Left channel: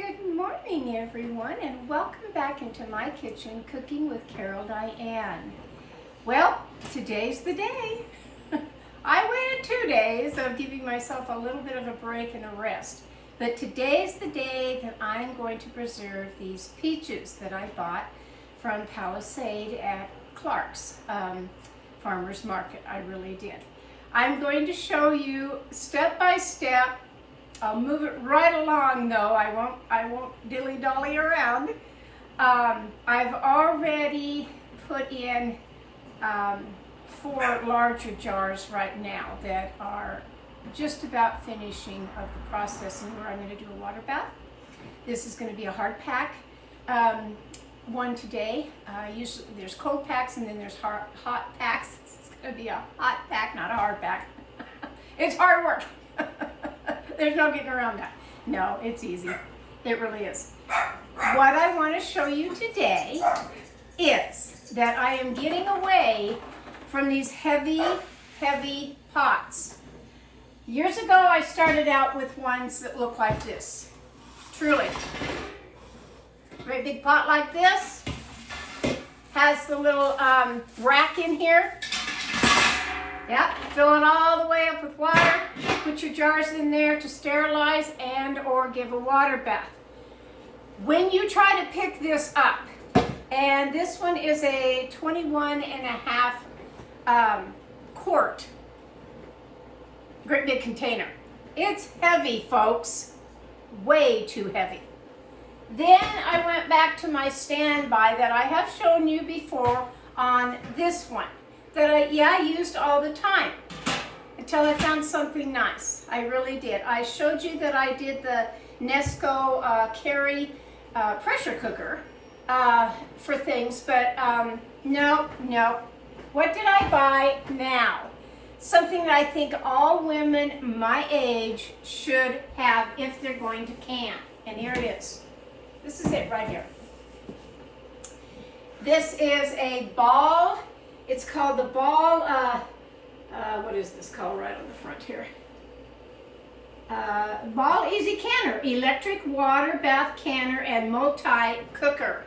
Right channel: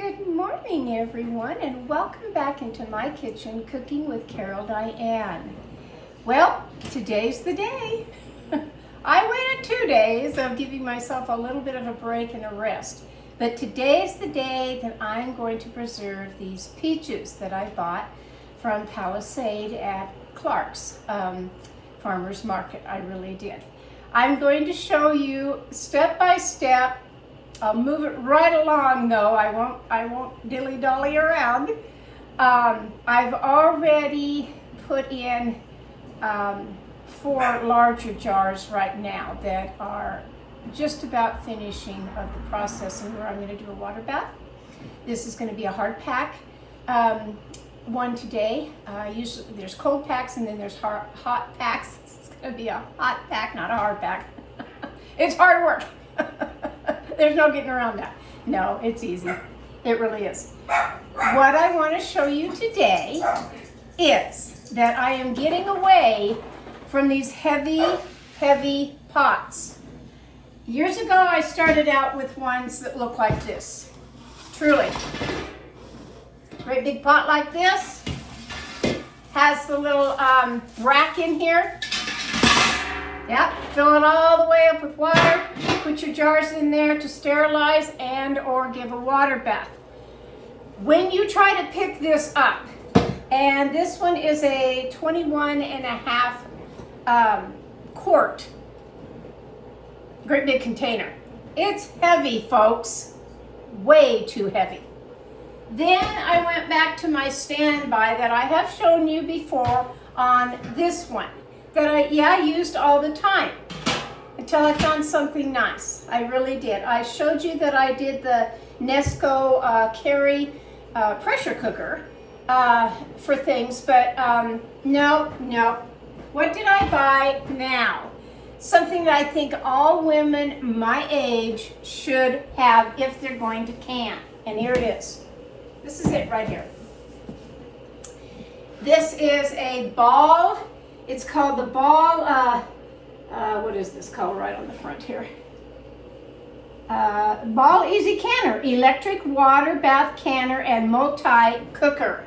Good morning, everyone, and welcome back into my kitchen, Cooking with Carol Diane. Well, today's the day. I waited 2 days of giving myself a little bit of a break and a rest, but today's the day that I'm going to preserve these peaches that I bought from Palisade at Clark's farmer's market. I really did. I'm going to show you step by step. I'll move it right along though. I won't dilly-dally around. I've already put in 4 larger jars right now that are just about finishing of the processing where I'm going to do a water bath. This is going to be a hard pack one today. Usually there's cold packs and then there's hot packs. It's going to be a hot pack, not a hard pack. It's hard work. There's no getting around that. No, it's easy. It really is. What I want to show you today is that I am getting away from these heavy, heavy pots. Years ago, I started out with ones that look like this. Truly. Great big pot like this. Has the little rack in here. Yep, fill it all the way up with water. Put your jars in there to sterilize and or give a water bath. When you try to pick this up, and this one is a 21.5 quart, great big container. It's heavy, folks, way too heavy. Then I went back to my standby that I have shown you before on this one that I used all the time until I found something nice. I really did. I showed you that I did the Nesco Carry pressure cooker for things, but no. What did I buy now? Something that I think all women my age should have if they're going to can. And here it is. This is it right here. This is a ball. It's called the Ball, what is this called right on the front here? Ball Easy Canner, electric water bath canner and multi-cooker.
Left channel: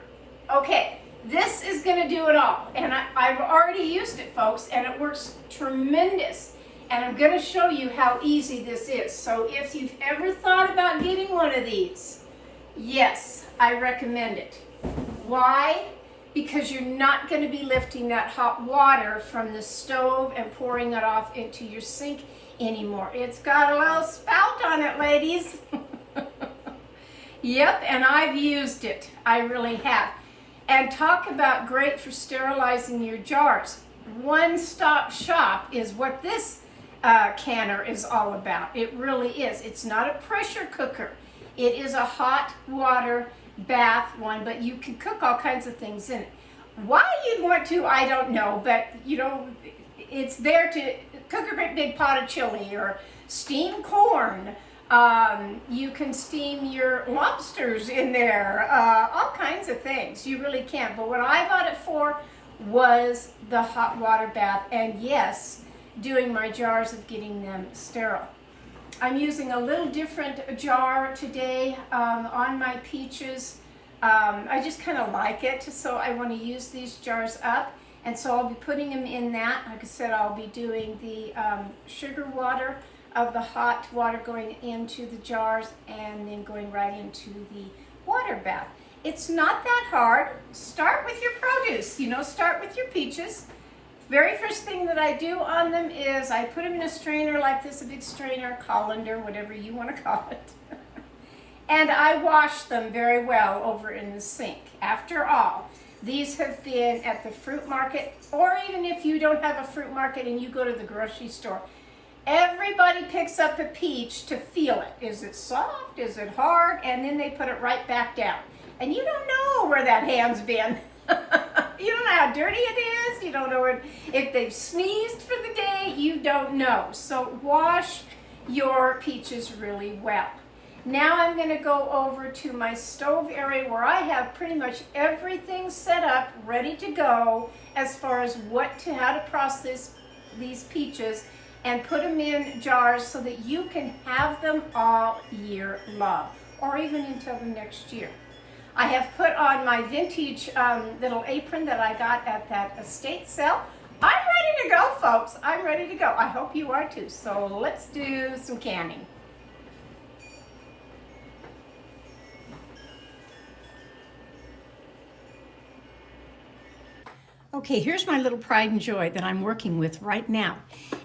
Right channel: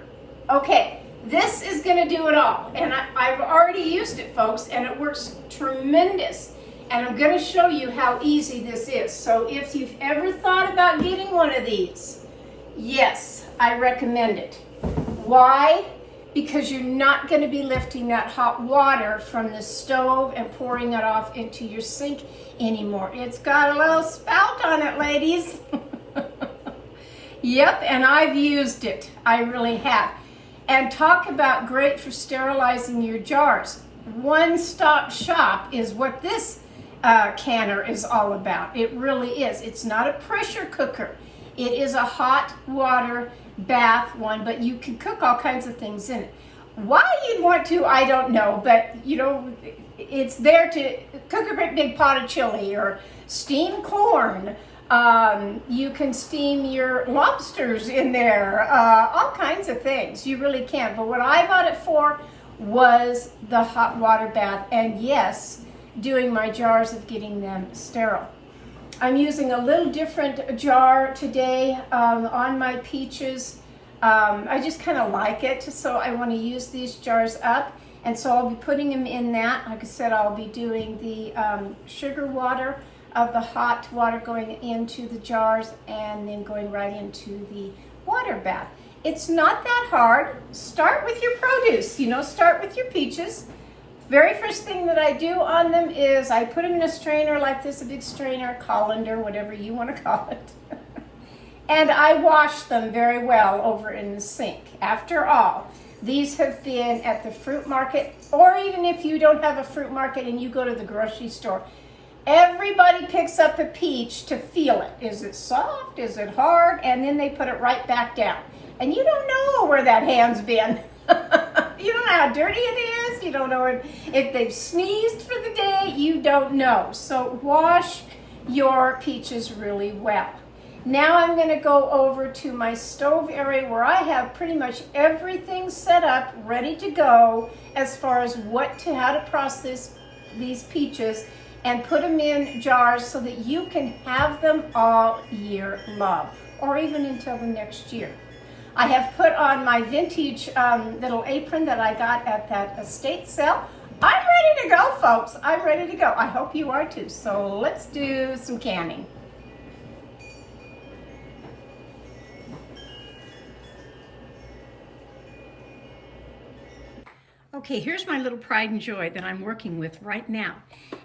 Okay, this is gonna do it all. And I've already used it, folks, and it works tremendous. And I'm gonna show you how easy this is. So if you've ever thought about getting one of these, yes, I recommend it. Why? Because you're not going to be lifting that hot water from the stove and pouring it off into your sink anymore. It's got a little spout on it, ladies. Yep, and I've used it. I really have. And talk about great for sterilizing your jars. One-stop shop is what this canner is all about. It really is. It's not a pressure cooker. It is a hot water bath one, but you can cook all kinds of things in it. Why you'd want to, I don't know, but you know, it's there to cook a great big pot of chili or steam corn. You can steam your lobsters in there, all kinds of things. You really can. But what I bought it for was the hot water bath, and yes, doing my jars of getting them sterile. I'm using a little different jar today on my peaches. I just kind of like it, so I want to use these jars up. And so I'll be putting them in that. Like I said, I'll be doing the sugar water of the hot water going into the jars and then going right into the water bath. It's not that hard. Start with your produce, start with your peaches. Very first thing that I do on them is I put them in a strainer like this, a big strainer, colander, whatever you want to call it. And I wash them very well over in the sink. After all, these have been at the fruit market, or even if you don't have a fruit market and you go to the grocery store, everybody picks up a peach to feel it. Is it soft? Is it hard? And then they put it right back down. And you don't know where that hand's been. You don't know how dirty it is. You don't know if they've sneezed for the day. You don't know. So wash your peaches really well. Now I'm going to go over to my stove area where I have pretty much everything set up, ready to go as far as how to process these peaches and put them in jars so that you can have them all year long, or even until the next year. I have put on my vintage little apron that I got at that estate sale. I'm ready to go, folks. I'm ready to go. I hope you are too. So let's do some canning. Okay, here's my little pride and joy that I'm working with right now.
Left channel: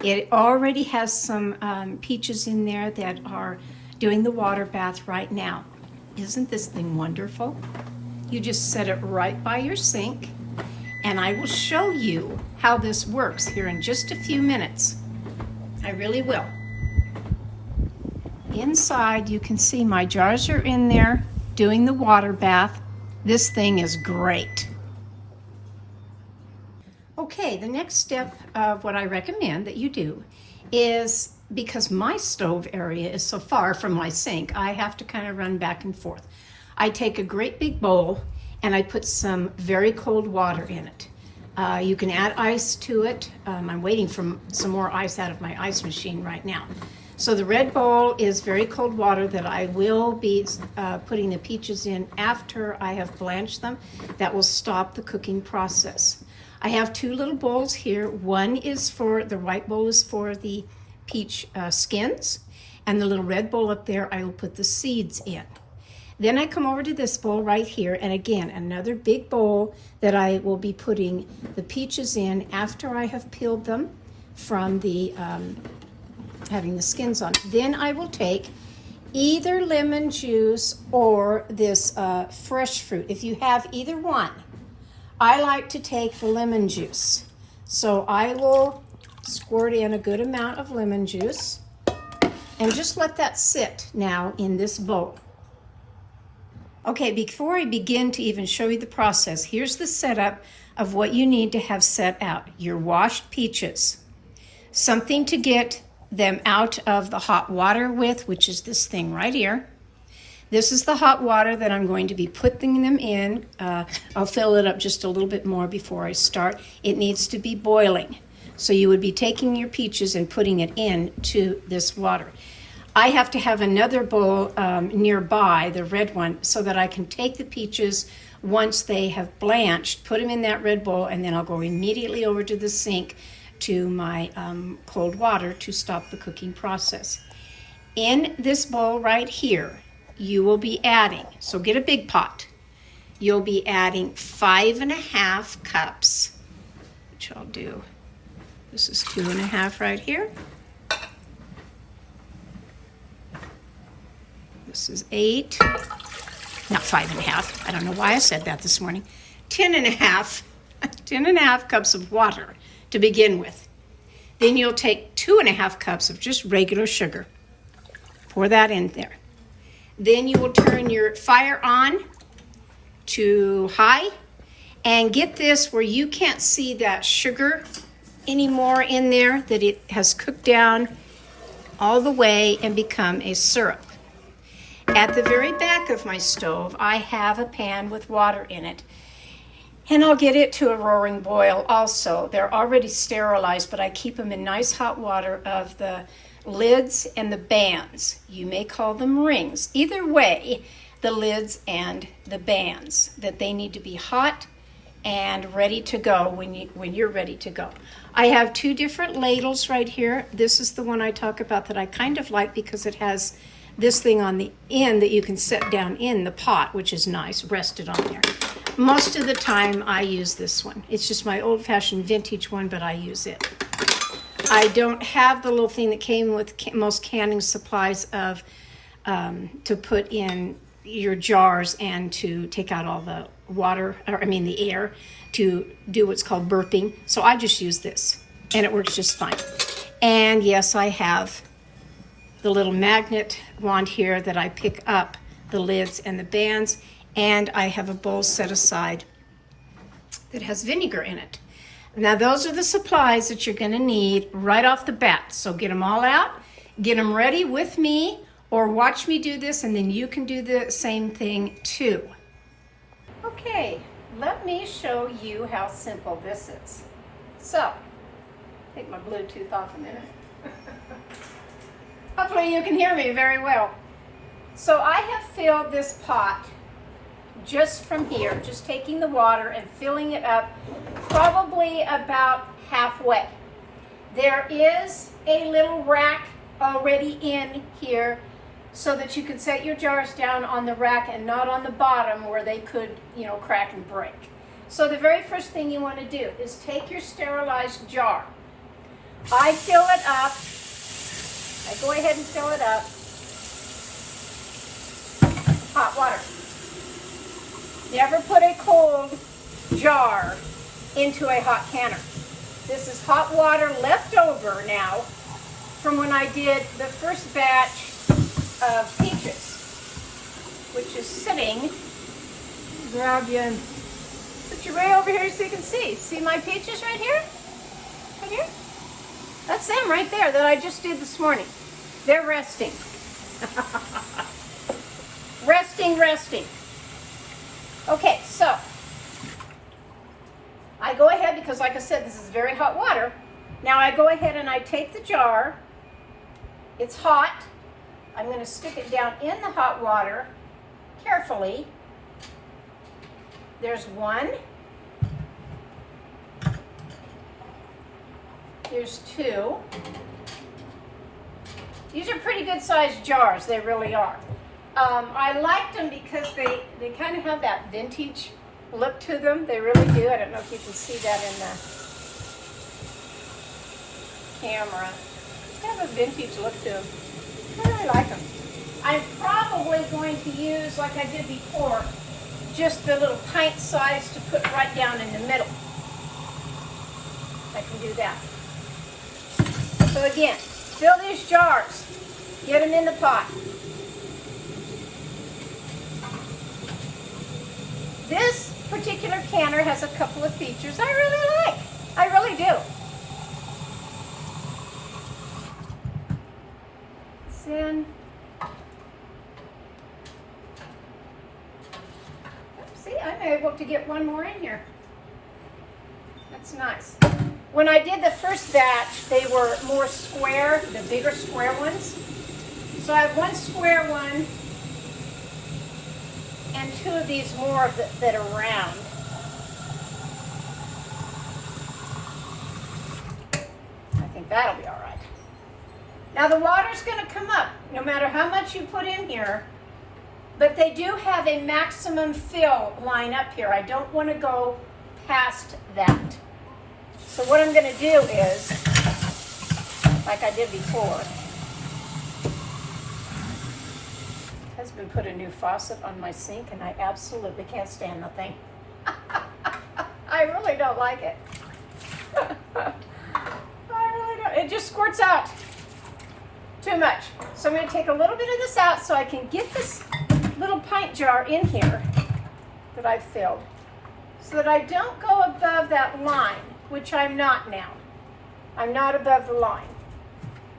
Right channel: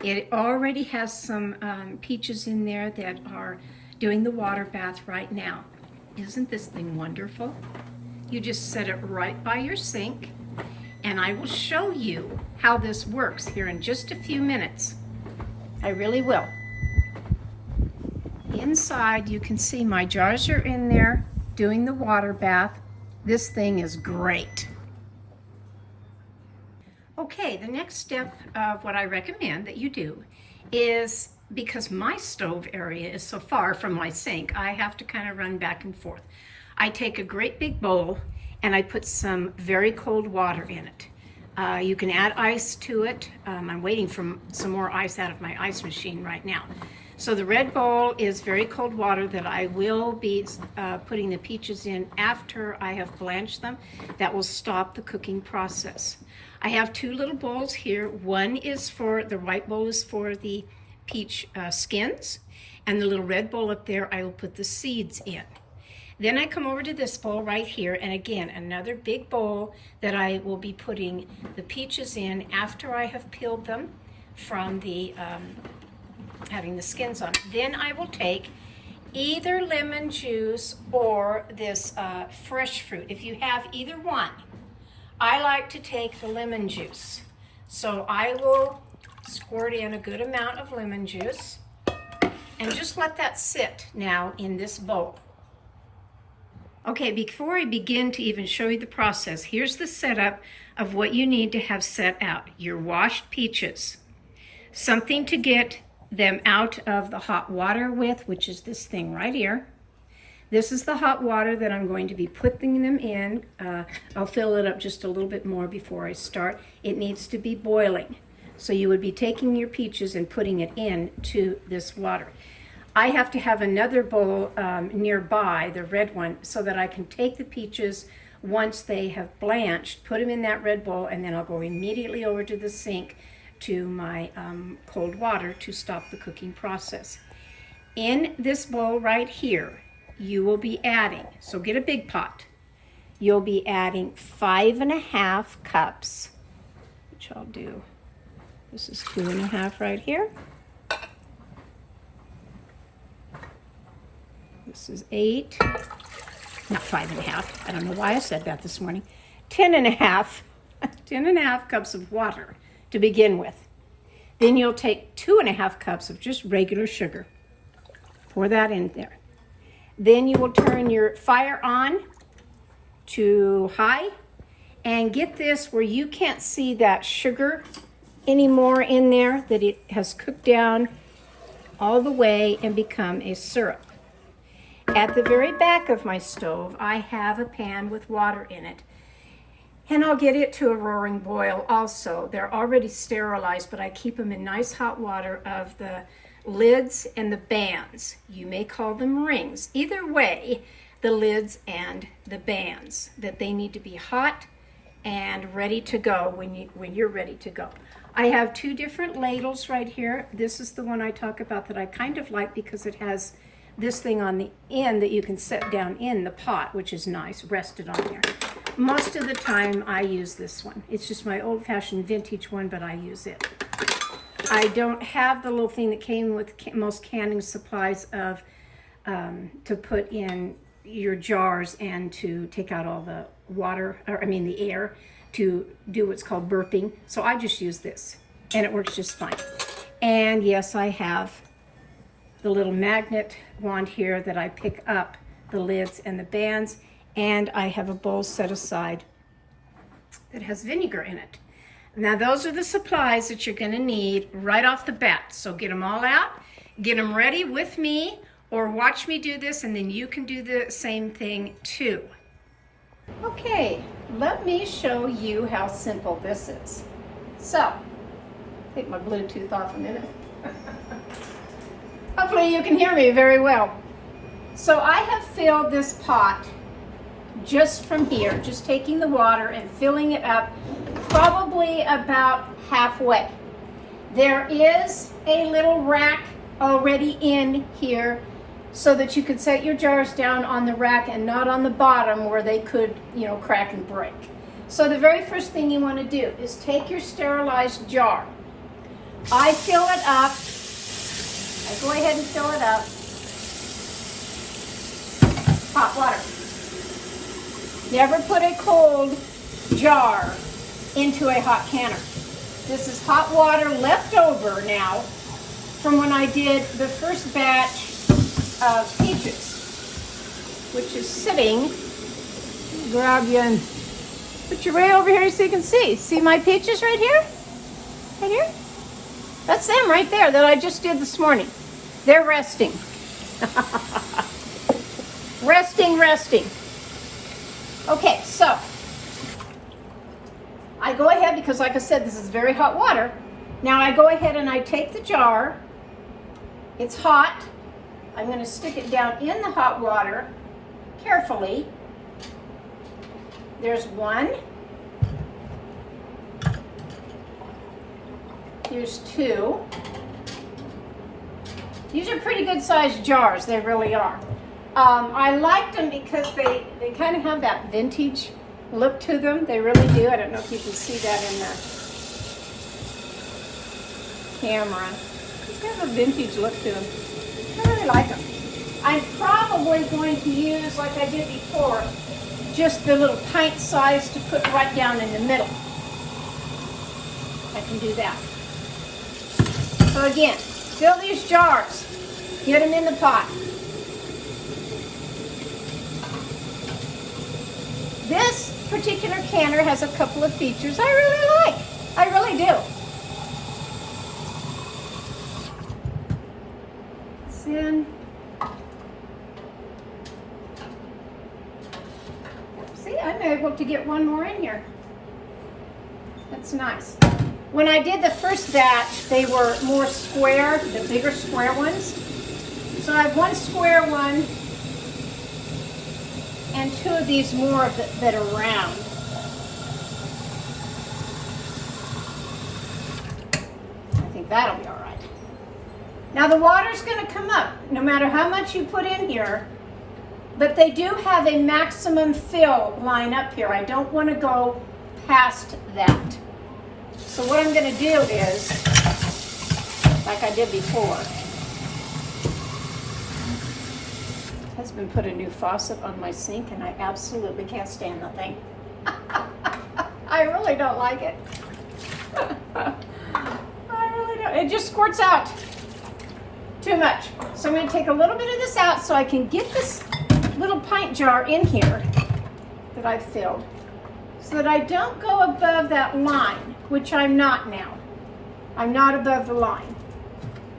It already has some peaches in there that are doing the water bath right now. Isn't this thing wonderful? You just set it right by your sink, and I will show you how this works here in just a few minutes. I really will. Inside, you can see my jars are in there doing the water bath. This thing is great. Okay, the next step of what I recommend that you do is, because my stove area is so far from my sink, I have to kind of run back and forth. I take a great big bowl and I put some very cold water in it. You can add ice to it. I'm waiting for some more ice out of my ice machine right now. So the red bowl is very cold water that I will be putting the peaches in after I have blanched them. That will stop the cooking process. I have two little bowls here. One is for, the white bowl is for the peach skins, and the little red bowl up there I will put the seeds in. Then I come over to this bowl right here, and again, another big bowl that I will be putting the peaches in after I have peeled them from the, having the skins on. Then I will take either lemon juice or this fresh fruit. If you have either one, I like to take the lemon juice. So I will squirt in a good amount of lemon juice and just let that sit now in this bowl. Okay, before I begin to even show you the process, here's the setup of what you need to have set out. Your washed peaches, something to get them out of the hot water with, which is this thing right here. This is the hot water that I'm going to be putting them in. I'll fill it up just a little bit more before I start. It needs to be boiling. So you would be taking your peaches and putting it into this water. I have to have another bowl nearby, the red one, so that I can take the peaches once they have blanched, put them in that red bowl, and then I'll go immediately over to the sink to my cold water to stop the cooking process. In this bowl right here, you will be adding, so get a big pot, you'll be adding 5.5 cups, which I'll do, this is 2.5 right here. This is 8, not 5.5, I don't know why I said that this morning, 10.5, 10.5 cups of water to begin with. Then you'll take 2.5 cups of just regular sugar, pour that in there. Then you will turn your fire on to high and get this where you can't see that sugar anymore in there, that it has cooked down all the way and become a syrup. At the very back of my stove, I have a pan with water in it, and I'll get it to a roaring boil also. They're already sterilized, but I keep them in nice hot water of the lids and the bands. You may call them rings. Either way, the lids and the bands, that they need to be hot and ready to go when you're ready to go. I have two different ladles right here. This is the one I talk about that I kind of like because it has this thing on the end that you can set down in the pot, which is nice, rested on there. Most of the time I use this one. It's just my old-fashioned vintage one, but I use it. I don't have the little thing that came with most canning supplies of to put in your jars and to take out all the water, or I mean the air, to do what's called burping. So I just use this, and it works just fine. And yes, I have the little magnet wand here that I pick up the lids and the bands, and I have a bowl set aside that has vinegar in it. Now those are the supplies that you're going to need right off the bat. So get them all out, get them ready with me, or watch me do this, and then you can do the same thing too. Okay, let me show you how simple this is. So, take my Bluetooth off a minute. Hopefully you can hear me very well. So I have filled this pot just from here, just taking the water and filling it up probably about halfway. There is a little rack already in here so that you can set your jars down on the rack and not on the bottom where they could, crack and break. So the very first thing you want to do is take your sterilized jar. I fill it up. I go ahead and fill it up. Hot water. Never put a cold jar into a hot canner. This is hot water left over now from when I did the first batch of peaches, which is sitting. Grab you and put you right over here so you can see. See my peaches right here? Right here? That's them right there that I just did this morning. They're resting. Resting. Okay, so I go ahead, because like I said, this is very hot water. Now I go ahead and I take the jar. It's hot. I'm going to stick it down in the hot water carefully. There's one. Here's two. These are pretty good sized jars, they really are. I liked them because they kind of have that vintage look to them. They really do. I don't know if you can see that in the camera. Just have a vintage look to them. I really like them. I'm probably going to use, like I did before, just the little pint size to put right down in the middle. I can do that. So again, fill these jars. Get them in the pot. This particular canner has a couple of features I really like. I really do. Then, see, I'm able to get one more in here. That's nice. When I did the first batch, they were more square, the bigger square ones. So I have one square one and two of these more that are round. I think that'll be all right. Now the water's going to come up no matter how much you put in here, but they do have a maximum fill line up here. I don't want to go past that. So what I'm going to do is, like I did before, husband put a new faucet on my sink and I absolutely can't stand the thing. I really don't like it. I really don't. It just squirts out too much. So I'm going to take a little bit of this out so I can get this little pint jar in here that I've filled so that I don't go above that line, which I'm not now. I'm not above the line.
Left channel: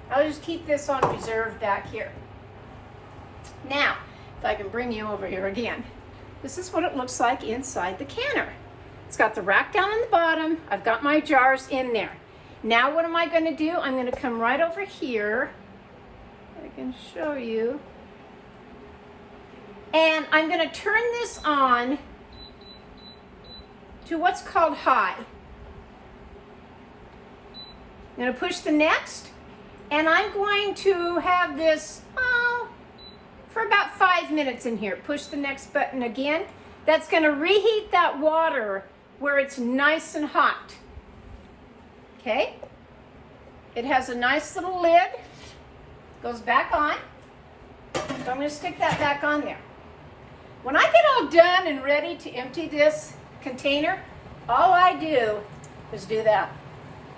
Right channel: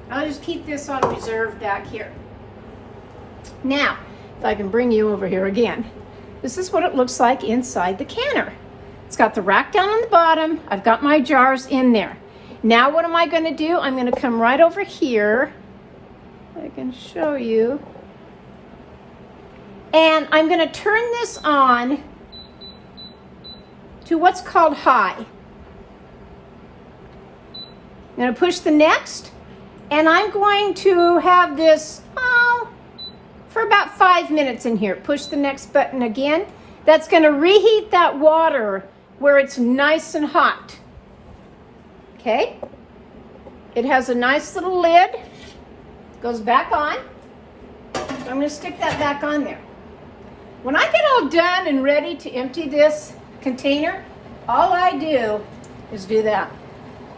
I'll just keep this on reserve back here. Now, if I can bring you over here again, this is what it looks like inside the canner. It's got the rack down on the bottom. I've got my jars in there. Now what am I going to do? I'm going to come right over here. I can show you. And I'm going to turn this on to what's called high. I'm going to push the next, and I'm going to have this for about 5 minutes in here. Push the next button again. That's going to reheat that water where it's nice and hot. Okay? It has a nice little lid. Goes back on. So I'm going to stick that back on there. When I get all done and ready to empty this container, all I do is do that.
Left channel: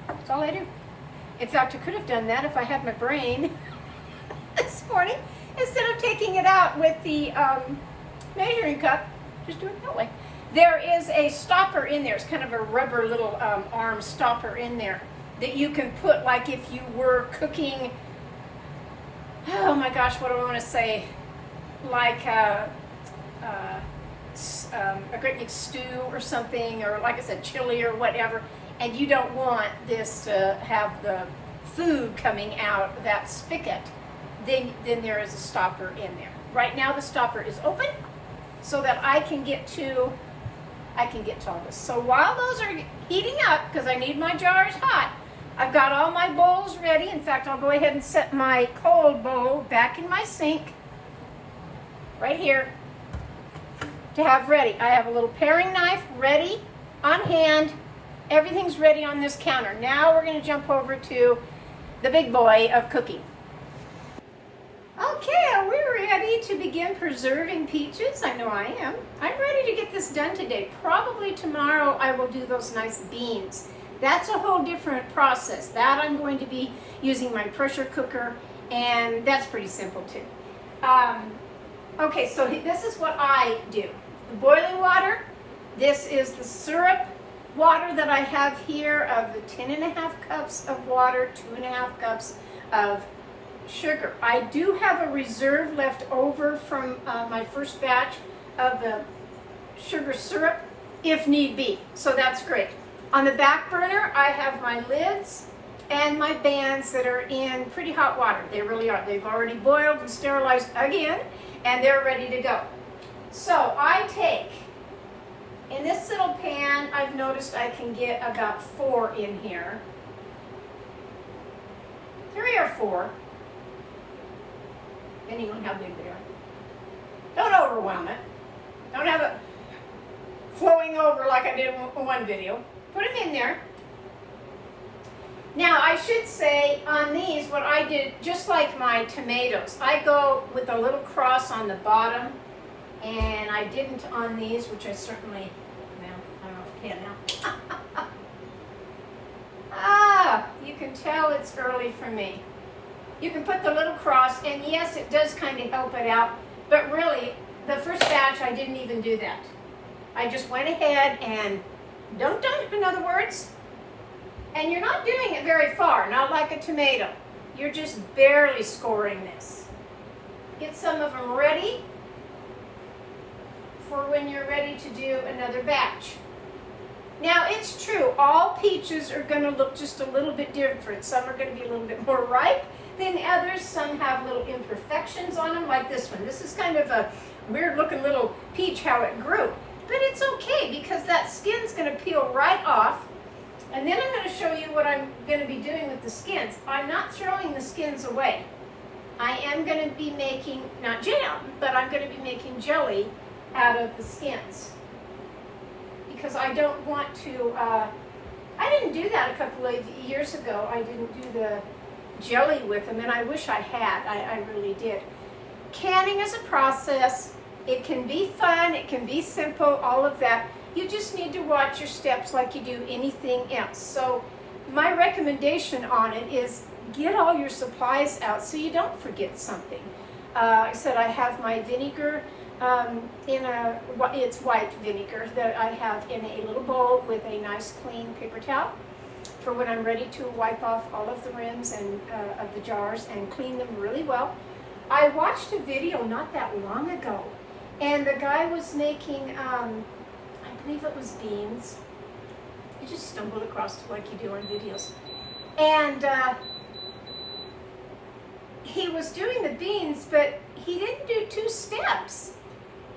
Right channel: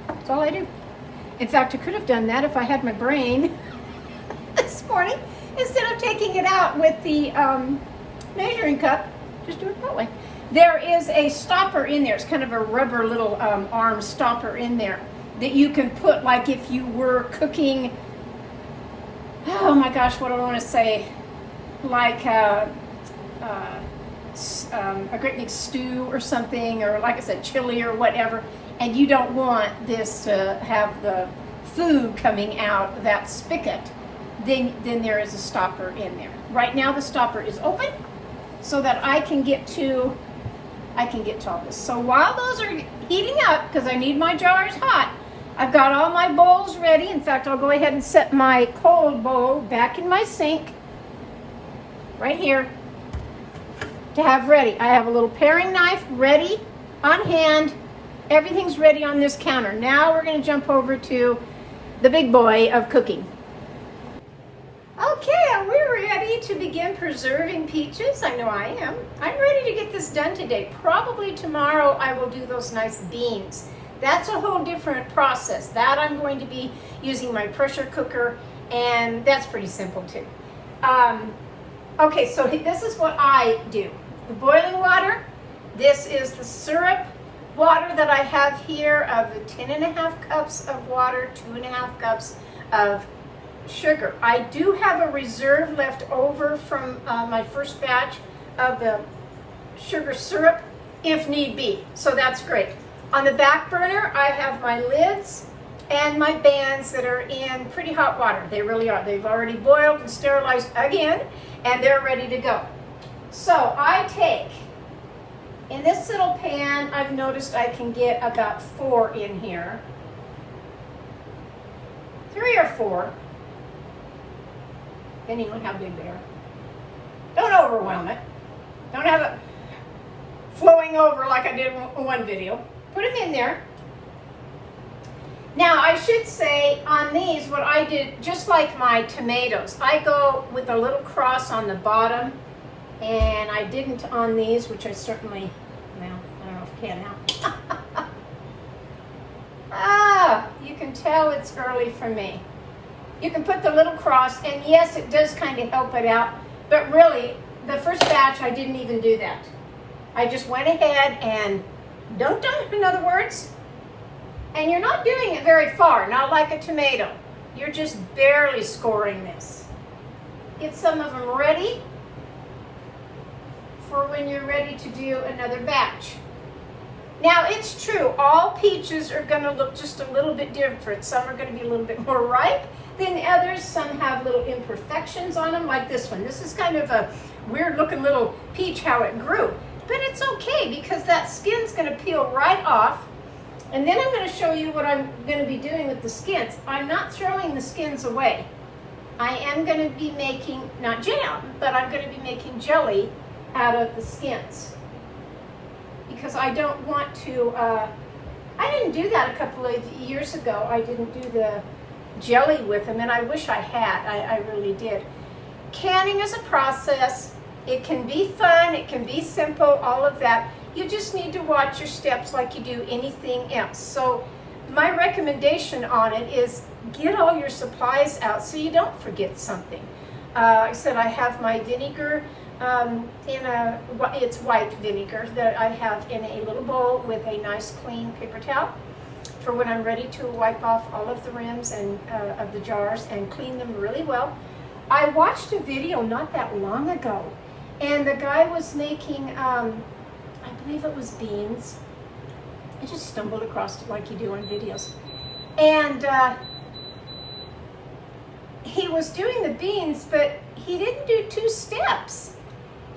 That's all I do. In fact, I could have done that if I had my brain this morning. Instead of taking it out with the measuring cup, just do it that way. There is a stopper in there. It's kind of a rubber little arm stopper in there that you can put, like if you were cooking, oh my gosh, what do I want to say? Like a great big stew or something, or like I said, chili or whatever, and you don't want this to have the food coming out of that spigot. then there is a stopper in there. Right now the stopper is open so that I can get to all this. So while those are heating up, because I need my jars hot, I've got all my bowls ready. In fact, I'll go ahead and set my cold bowl back in my sink right here to have ready. I have a little paring knife ready on hand. Everything's ready on this counter. Now we're going to jump over to the big boy of cooking. Okay, are we ready to begin preserving peaches? I know I am. I'm ready to get this done today. Probably tomorrow I will do those nice beans. That's a whole different process. That I'm going to be using my pressure cooker, and that's pretty simple too. Okay, so this is what I do. The boiling water, this is the syrup water that I have here of the 10.5 cups of water, 2.5 cups of sugar. I do have a reserve left over from my first batch of the sugar syrup if need be, so that's great. On the back burner, I have my lids and my bands that are in pretty hot water. They really are. They've already boiled and sterilized again, and they're ready to go. So I take, in this little pan, I've noticed I can get about 4 in here. 3 or 4, depending on how big they are. Don't overwhelm it. Don't have it flowing over like I did in one video. Put them in there. Now I should say on these, what I did, just like my tomatoes, I go with a little cross on the bottom, and I didn't on these, which I certainly, well, I don't know if I can now. You can tell it's early for me. You can put the little cross, and yes, it does kind of help it out, but really, the first batch, I didn't even do that. I just went ahead and dunked them, in other words, and you're not doing it very far, not like a tomato. You're just barely scoring this. Get some of them ready for when you're ready to do another batch. Now, it's true, all peaches are going to look just a little bit different. Some are going to be a little bit more ripe than others. Some have little imperfections on them, like this one. This is kind of a weird looking little peach, how it grew. But it's okay, because that skin's going to peel right off. And then I'm going to show you what I'm going to be doing with the skins. I'm not throwing the skins away. I am going to be making, not jam, but I'm going to be making jelly out of the skins. Because I don't want to, I didn't do that a couple of years ago. I didn't do the jelly with them, and I wish I had. I really did. Canning is a process. It can be fun, it can be simple, all of that. You just need to watch your steps like you do anything else. So my recommendation on it is get all your supplies out so you don't forget something. Like I said, I have my vinegar it's white vinegar that I have in a little bowl with a nice clean paper towel for when I'm ready to wipe off all of the rims and of the jars and clean them really well. I watched a video not that long ago, and the guy was making, I believe it was beans. I just stumbled across it like you do on videos. And he was doing the beans, but he didn't do 2 steps.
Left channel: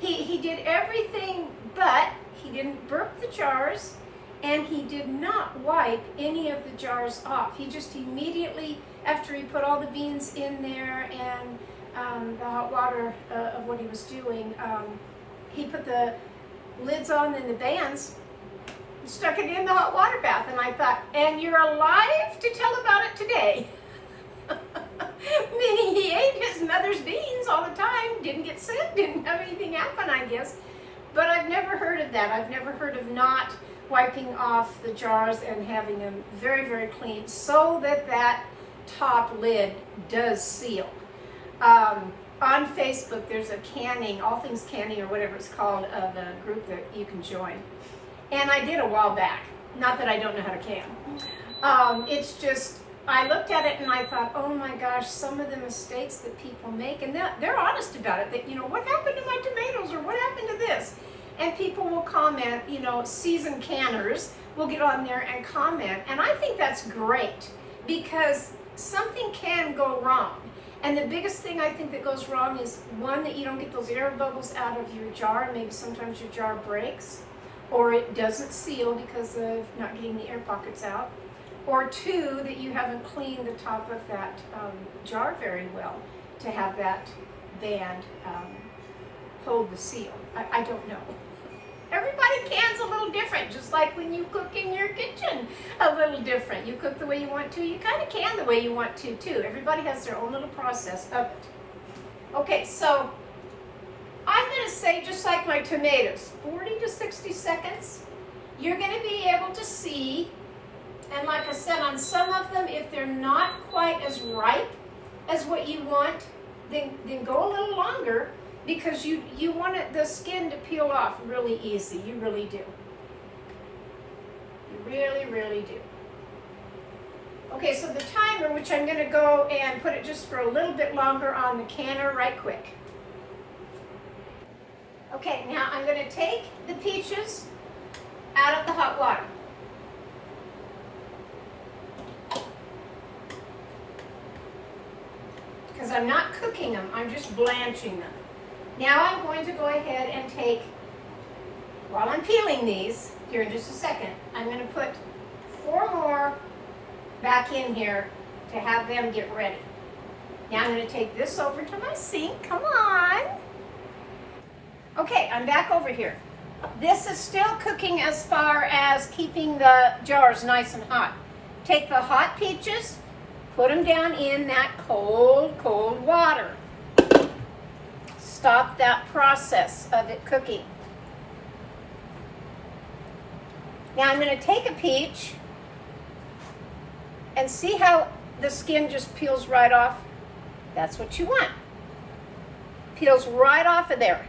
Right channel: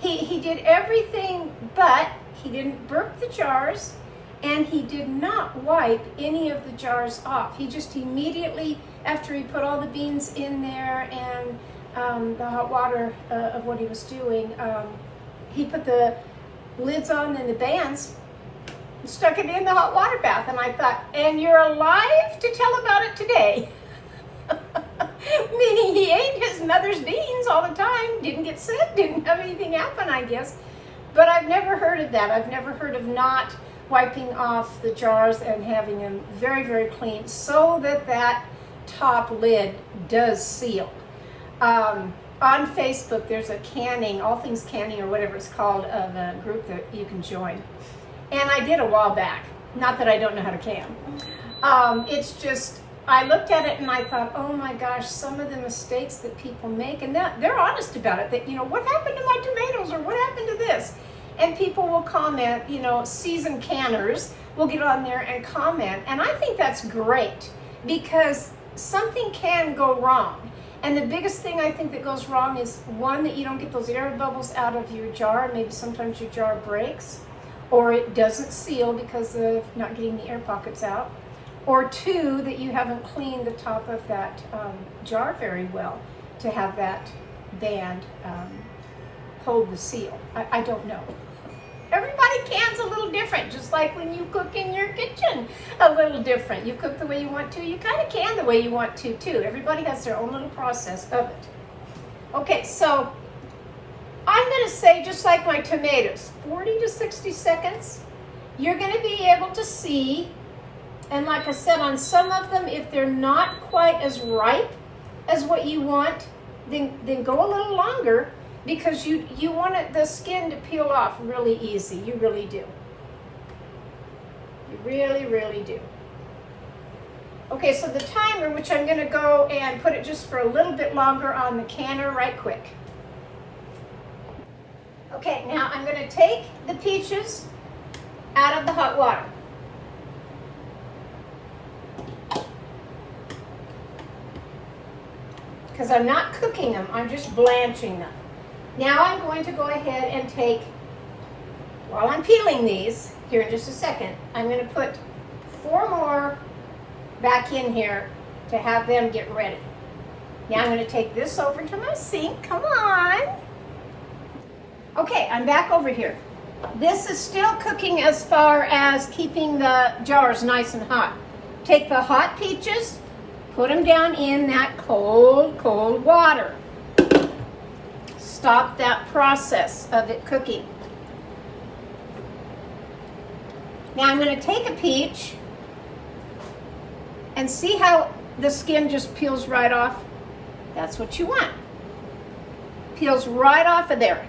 He did everything, but he didn't burp the jars, and he did not wipe any of the jars off. He just immediately, after he put all the beans in there and the hot water of what he was doing, he put the lids on and the bands, stuck it in the hot water bath, and I thought, and you're alive to tell about it today. Meaning he ate his mother's beans all the time, didn't get sick, didn't have anything happen, I guess. But I've never heard of that. I've never heard of not wiping off the jars and having them very, very clean so that that top lid does seal. On Facebook, there's a canning, all things canning or whatever it's called, of a group that you can join. And I did a while back. Not that I don't know how to can. It's just, I looked at it and I thought, oh my gosh, some of the mistakes that people make, and they're honest about it, that, you know, what happened to my tomatoes, or what happened to this? And people will comment, you know, seasoned canners will get on there and comment, and I think that's great, because something can go wrong. And the biggest thing I think that goes wrong is, one, that you don't get those air bubbles out of your jar. Maybe sometimes your jar breaks, or it doesn't seal because of not getting the air pockets out. Or two, that you haven't cleaned the top of that jar very well to have that band hold the seal. I don't know. Everybody cans a little different, just like when you cook in your kitchen, a little different. You cook the way you want to, you kind of can the way you want to too. Everybody has their own little process of it. Okay, so I'm going to say, just like my tomatoes, 40 to 60 seconds, you're going to be able to see, and like I said, on some of them, if they're not quite as ripe as what you want, then go a little longer, because you want the skin to peel off really easy. You really do. You really, really do. Okay, so the timer, which I'm going to go and put it just for a little bit longer on the canner right quick. Okay, now I'm going to take the peaches out of the hot water. Because I'm not cooking them, I'm just blanching them. Now I'm going to go ahead and take, while I'm peeling these, here in just a second, I'm going to put 4 more back in here to have them get ready. Now I'm going to take this over to my sink. Come on. Okay, I'm back over here. This is still cooking as far as keeping the jars nice and hot. Take the hot peaches, put them down in that cold, cold water. Stop that process of it cooking. Now I'm going to take a peach and see how the skin just peels right off. That's what you want. Peels right off of there.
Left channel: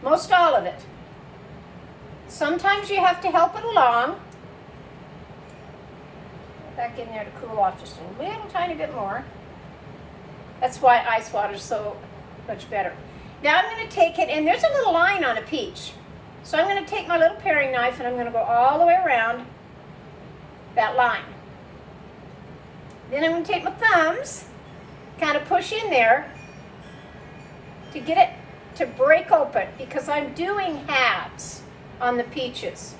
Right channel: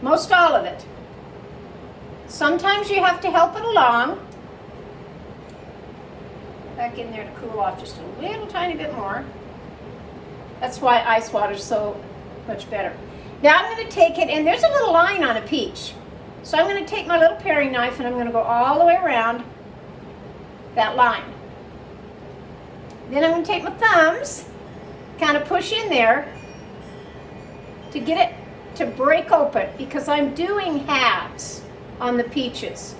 Most all of it. Sometimes you have to help it along. Put back in there to cool off just a little tiny bit more. That's why ice water is so much better. Now I'm going to take it, and there's a little line on a peach. So I'm going to take my little paring knife and I'm going to go all the way around that line. Then I'm going to take my thumbs, kind of push in there to get it to break open, because I'm doing halves on the peaches.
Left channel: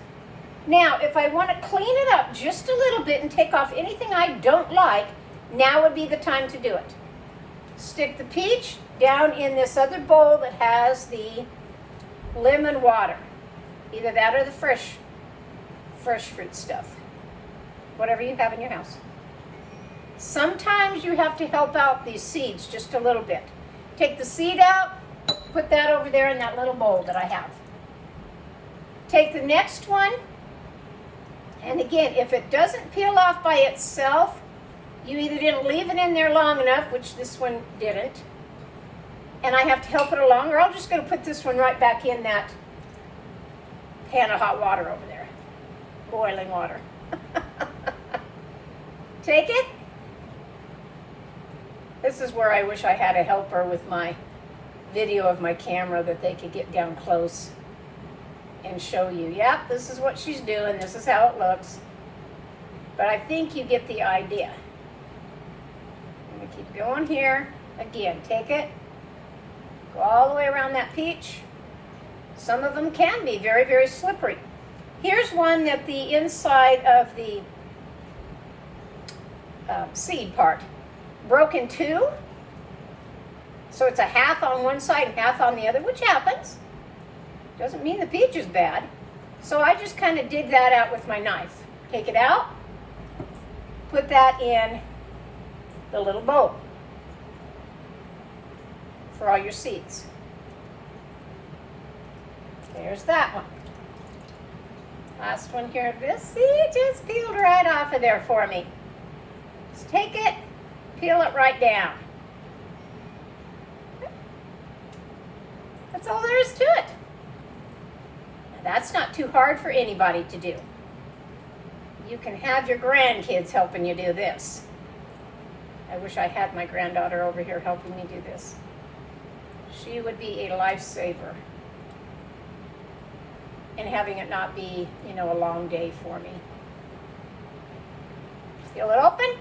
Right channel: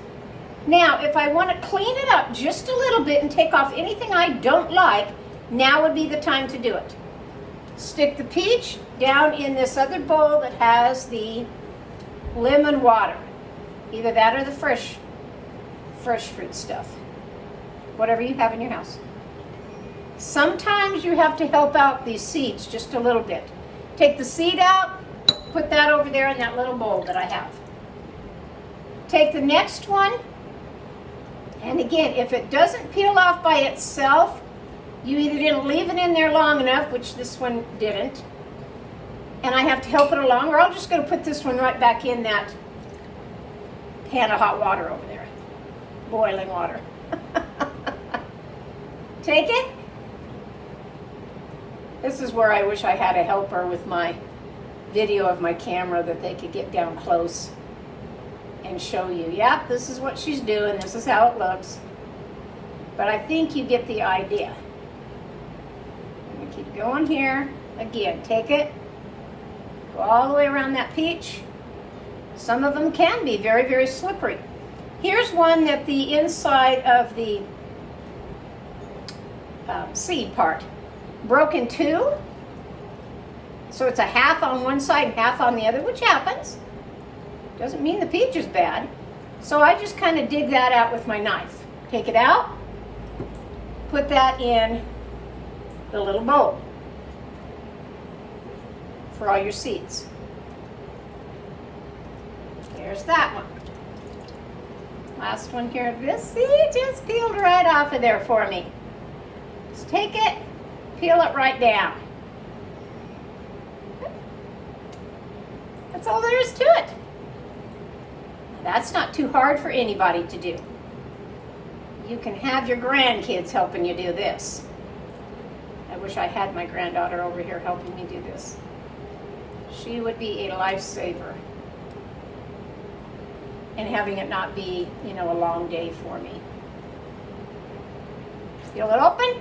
Now, if I want to clean it up just a little bit and take off anything I don't like, now would be the time to do it. Stick the peach down in this other bowl that has the lemon water. Either that or the fresh fruit stuff. Whatever you have in your house. Sometimes you have to help out these seeds just a little bit. Take the seed out, put that over there in that little bowl that I have. Take the next one, and again, if it doesn't peel off by itself, you either didn't leave it in there long enough, which this one didn't, and I have to help it along, or I'm just going to put this one right back in that pan of hot water over there. Boiling water. Take it. This is where I wish I had a helper with my video of my camera that they could get down close and show you. Yep, this is what she's doing. This is how it looks. But I think you get the idea. I'm going to keep going here. Again, take it. Go all the way around that peach. Some of them can be very, very slippery. Here's one that the inside of the seed part broke in two. So it's a half on one side and half on the other, which happens. Doesn't mean the peach is bad. So I just kind of dig that out with my knife. Take it out. Put that in the little bowl for all your seeds. There's that one. Last one here. This seed just peeled right off of there for me. Just take it, peel it right down. That's all there is to it. That's not too hard for anybody to do. You can have your grandkids helping you do this. I wish I had my granddaughter over here helping me do this. She would be a lifesaver. And having it not be, a long day for me. Peel it open.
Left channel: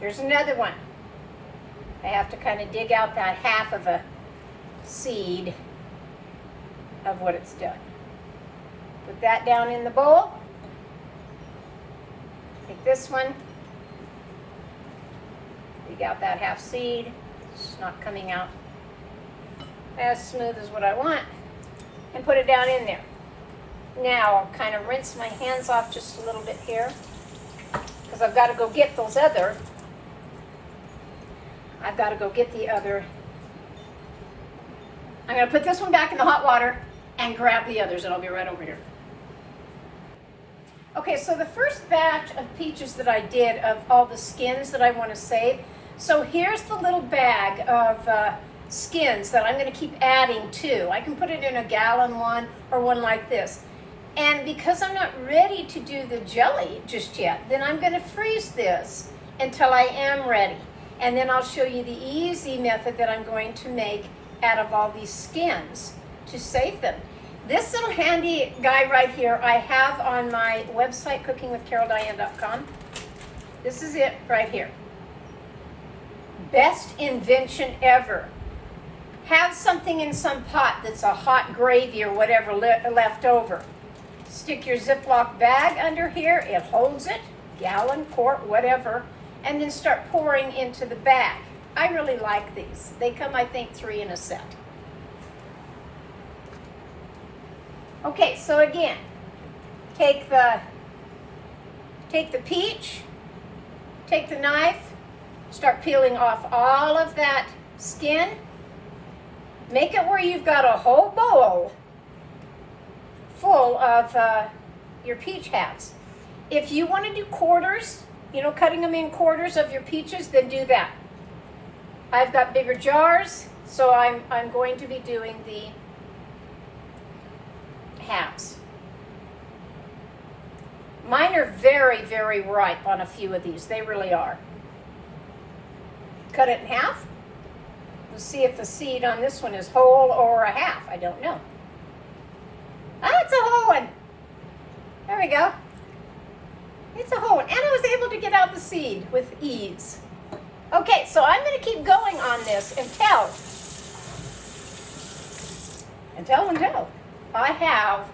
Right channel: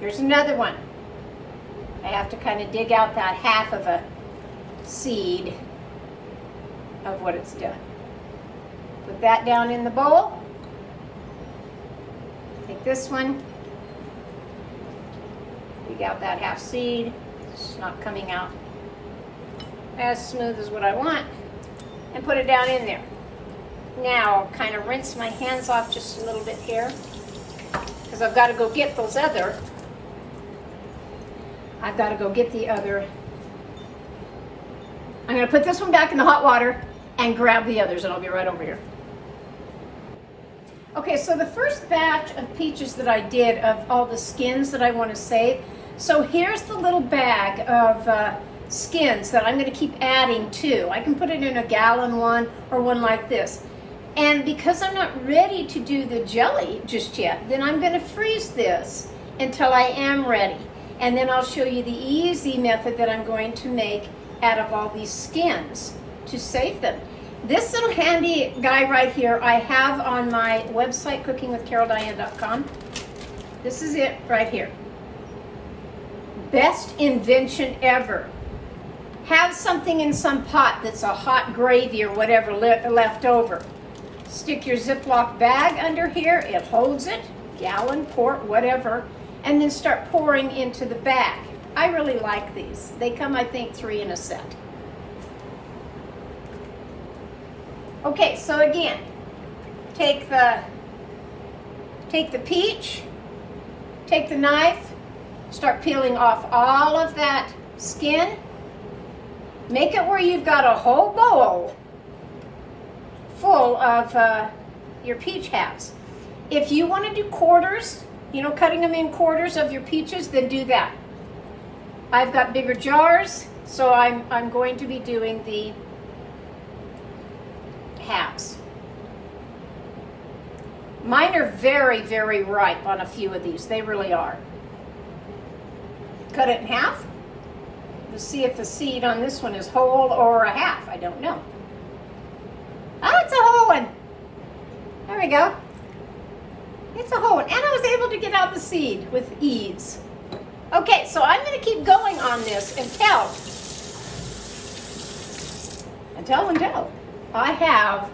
Here's another one. I have to kind of dig out that half of a seed of what it's done. Put that down in the bowl. Get this one. Dig out that half seed. It's not coming out as smooth as what I want. And put it down in there. Now I'll kind of rinse my hands off just a little bit here, because I've got to go get those other. I've got to go get the other. I'm going to put this one back in the hot water and grab the others, and I'll be right over here. Okay, so the first batch of peaches that I did of all the skins that I want to save. So here's the little bag of skins that I'm going to keep adding to. I can put it in a gallon one or one like this. And because I'm not ready to do the jelly just yet, then I'm going to freeze this until I am ready. And then I'll show you the easy method that I'm going to make out of all these skins to save them. This little handy guy right here I have on my website, cookingwithcaroldiane.com. This is it right here. Best invention ever. Have something in some pot that's a hot gravy or whatever left over. Stick your Ziploc bag under here. It holds it, gallon, quart, whatever, and then start pouring into the bag. I really like these. They come, I think, 3 in a set. Okay, so again, take the peach, take the knife, start peeling off all of that skin. Make it where you've got a whole bowl full of your peach halves. If you want to do quarters, you know, cutting them in quarters of your peaches, then do that. I've got bigger jars, so I'm going to be doing the halves. Mine are very, very ripe on a few of these. They really are. Cut it in half. Let's see if the seed on this one is whole or a half. I don't know. Oh, it's a whole one. There we go. It's a whole one. And I was able to get out the seed with ease. Okay, so I'm going to keep going on this until I have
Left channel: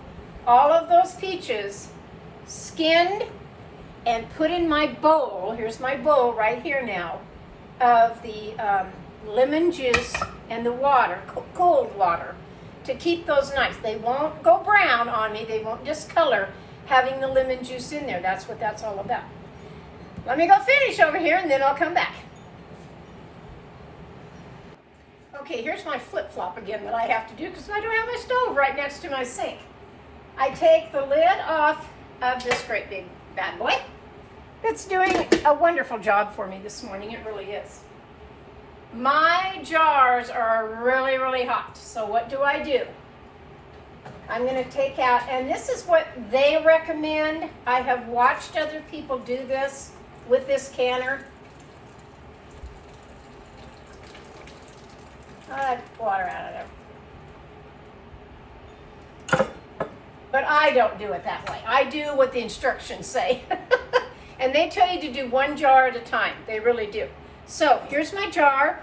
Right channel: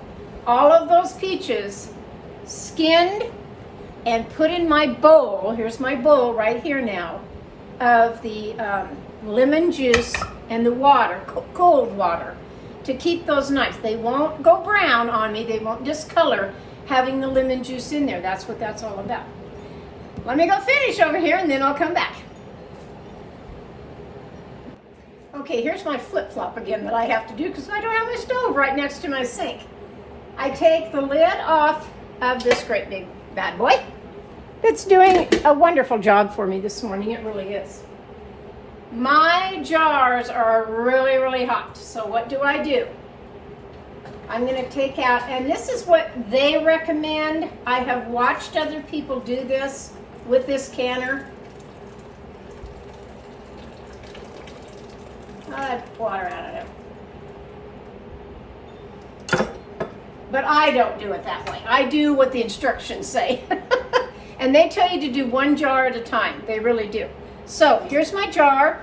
all of those peaches skinned and put in my bowl. Here's my bowl right here now of the lemon juice and the water, cold water, to keep those nice. They won't go brown on me. They won't discolor having the lemon juice in there. That's what that's all about. Let me go finish over here and then I'll come back. Okay, here's my flip-flop again that I have to do because I don't have my stove right next to my sink. I take the lid off of this great big bad boy that's doing a wonderful job for me this morning. It really is. My jars are really, really hot. So what do? I'm going to take out, and this is what they recommend. I have watched other people do this with this canner. I'll add water out of it. But I don't do it that way. I do what the instructions say. And they tell you to do 1 jar at a time. They really do. So here's my jar.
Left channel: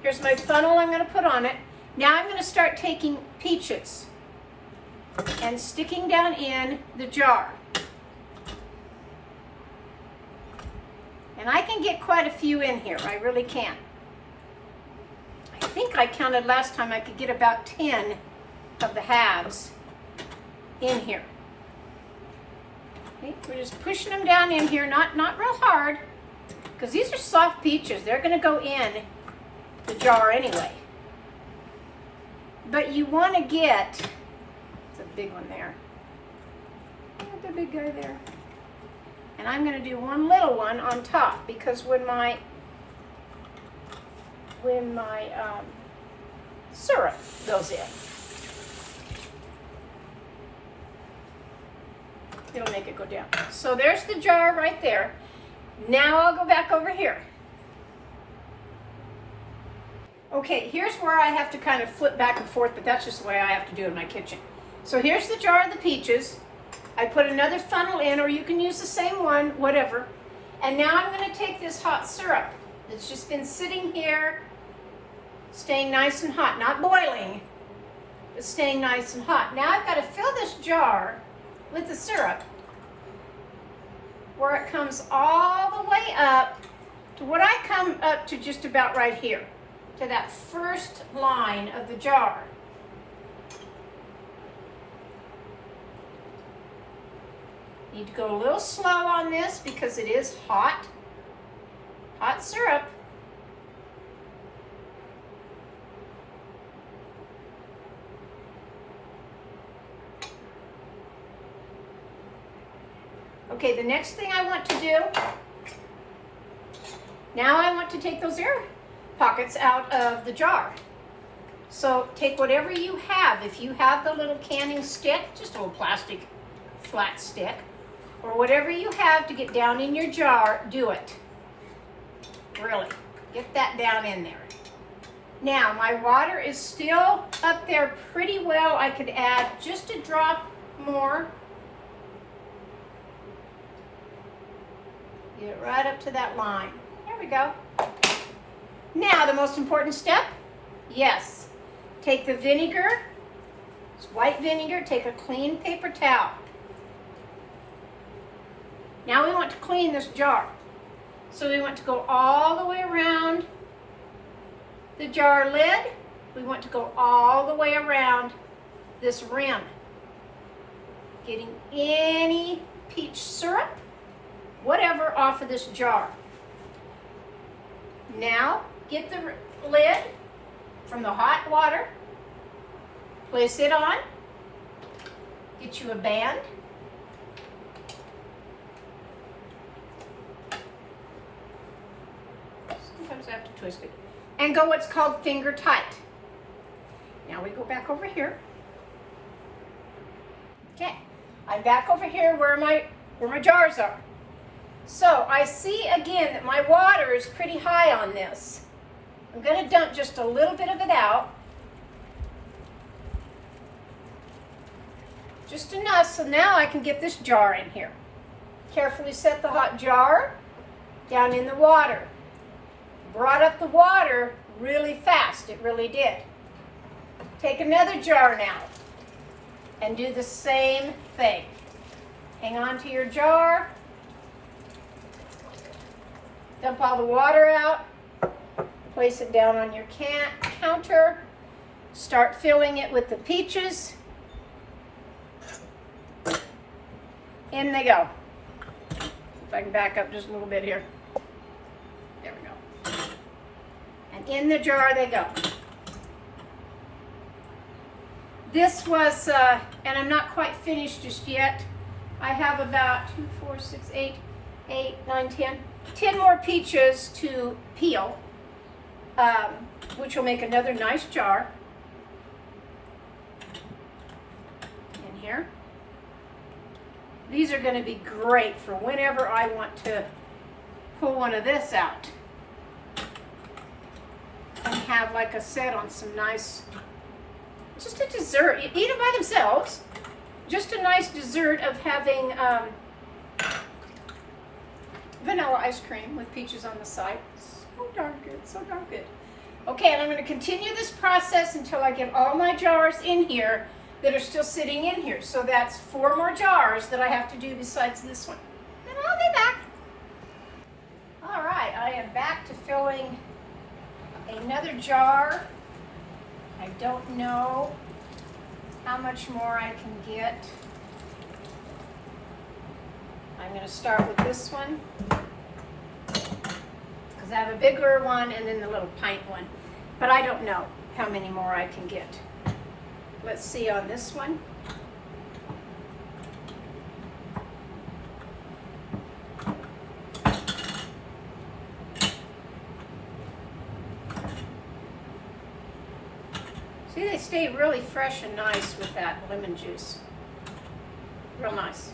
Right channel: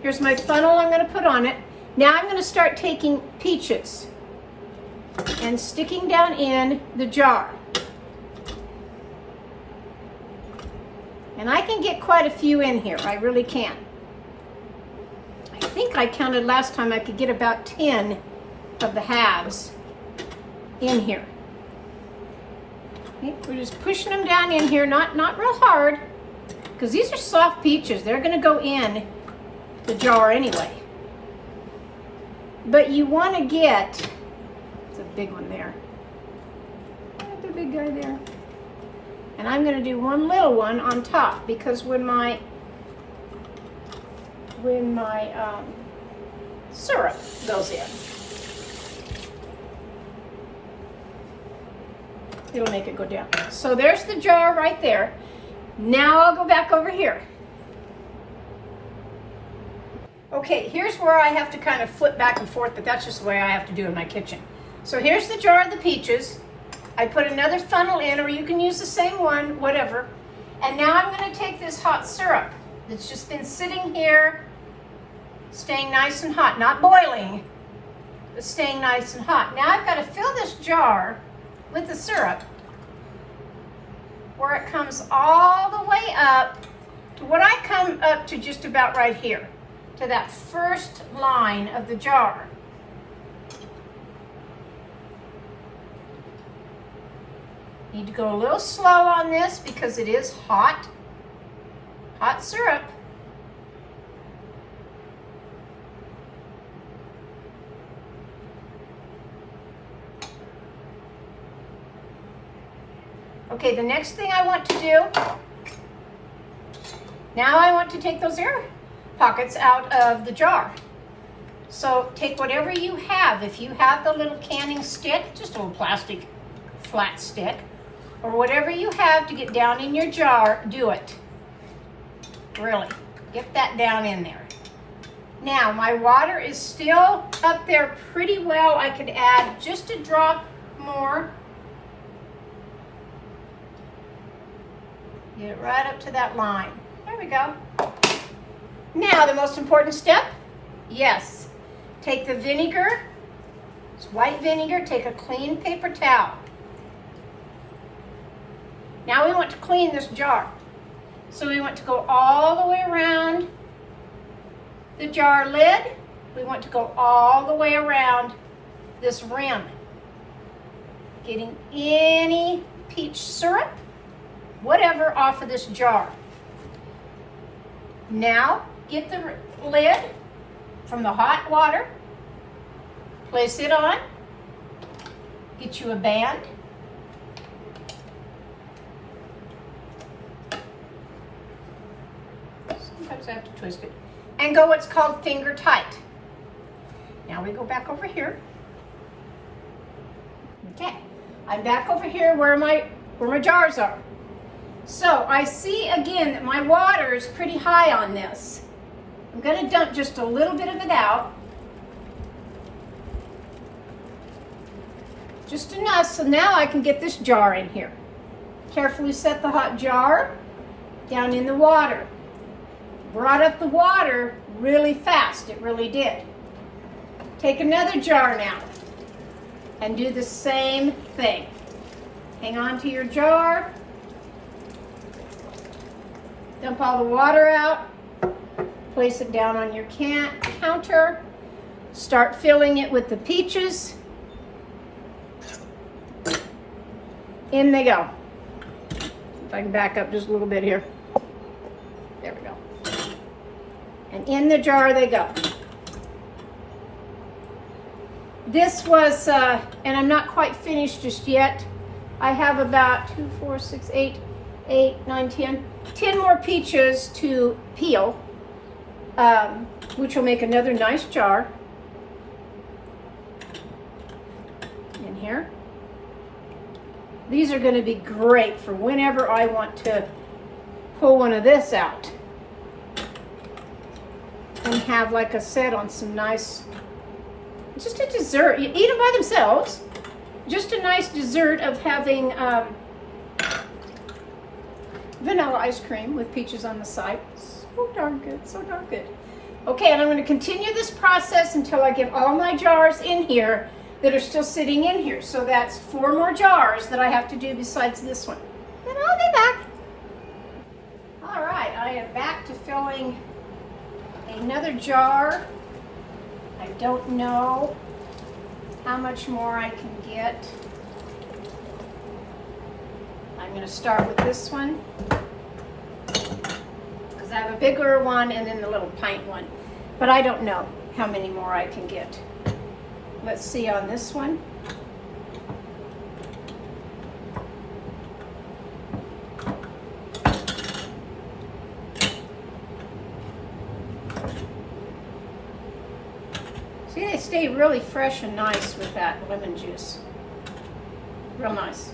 Here's my funnel I'm going to put on it. Now I'm going to start taking peaches and sticking down in the jar. And I can get quite a few in here. I really can. I think I counted last time I could get about 10 of the halves in here. Okay, we're just pushing them down in here, not real hard, because these are soft peaches. They're going to go in the jar anyway. But you want to get, it's a big one there. There's a big guy there. And I'm going to do one little one on top because when my syrup goes in, it'll make it go down. So there's the jar right there. Now I'll go back over here. Okay, here's where I have to kind of flip back and forth, but that's just the way I have to do in my kitchen. So here's the jar of the peaches. I put another funnel in, or you can use the same one, whatever. And now I'm going to take this hot syrup that's just been sitting here, staying nice and hot, not boiling, but staying nice and hot. Now I've got to fill this jar with the syrup where it comes all the way up to what I come up to just about right here, to that first line of the jar. Need to go a little slow on this because it is hot syrup. Okay, the next thing I want to do, now I want to take those air pockets out of the jar. So take whatever you have. If you have the little canning stick, just a little plastic flat stick, or whatever you have to get down in your jar, do it. Really, get that down in there. Now, my water is still up there pretty well. I could add just a drop more. Get it right up to that line. There we go. Now, the most important step, yes, take the vinegar, it's white vinegar, take a clean paper towel. Now we want to clean this jar. So we want to go all the way around the jar lid. We want to go all the way around this rim, getting any peach syrup, whatever, off of this jar. Now get the lid from the hot water, place it on, get you a band. Sometimes I have to twist it. And go what's called finger tight. Now we go back over here. Okay, I'm back over here where my jars are. So I see again that my water is pretty high on this. I'm going to dump just a little bit of it out. Just enough so now I can get this jar in here. Carefully set the hot jar down in the water. Brought up the water really fast, it really did. Take another jar now and do the same thing. Hang on to your jar. Dump all the water out. Place it down on your counter. Start filling it with the peaches. In they go. If I can back up just a little bit here. There we go. And in the jar they go. This was, and I'm not quite finished just yet. I have about 2, 4, 6, 8, 9, 10 more peaches to peel, which will make another nice jar in here. These are going to be great for whenever I want to pull one of this out and have, like I said, on some nice, just a dessert. You eat them by themselves. Just a nice dessert of having vanilla ice cream with peaches on the side. So darn good, so darn good. Okay, and I'm going to continue this process until I get all my jars in here that are still sitting in here. So that's 4 more jars that I have to do besides this one. Then I'll be back. All right, I am back to filling another jar. I don't know how much more I can get. I'm going to start with this one because I have a bigger one and then the little pint one, but I don't know how many more I can get. Let's see on this one. See, they stay really fresh and nice with that lemon juice. Real nice.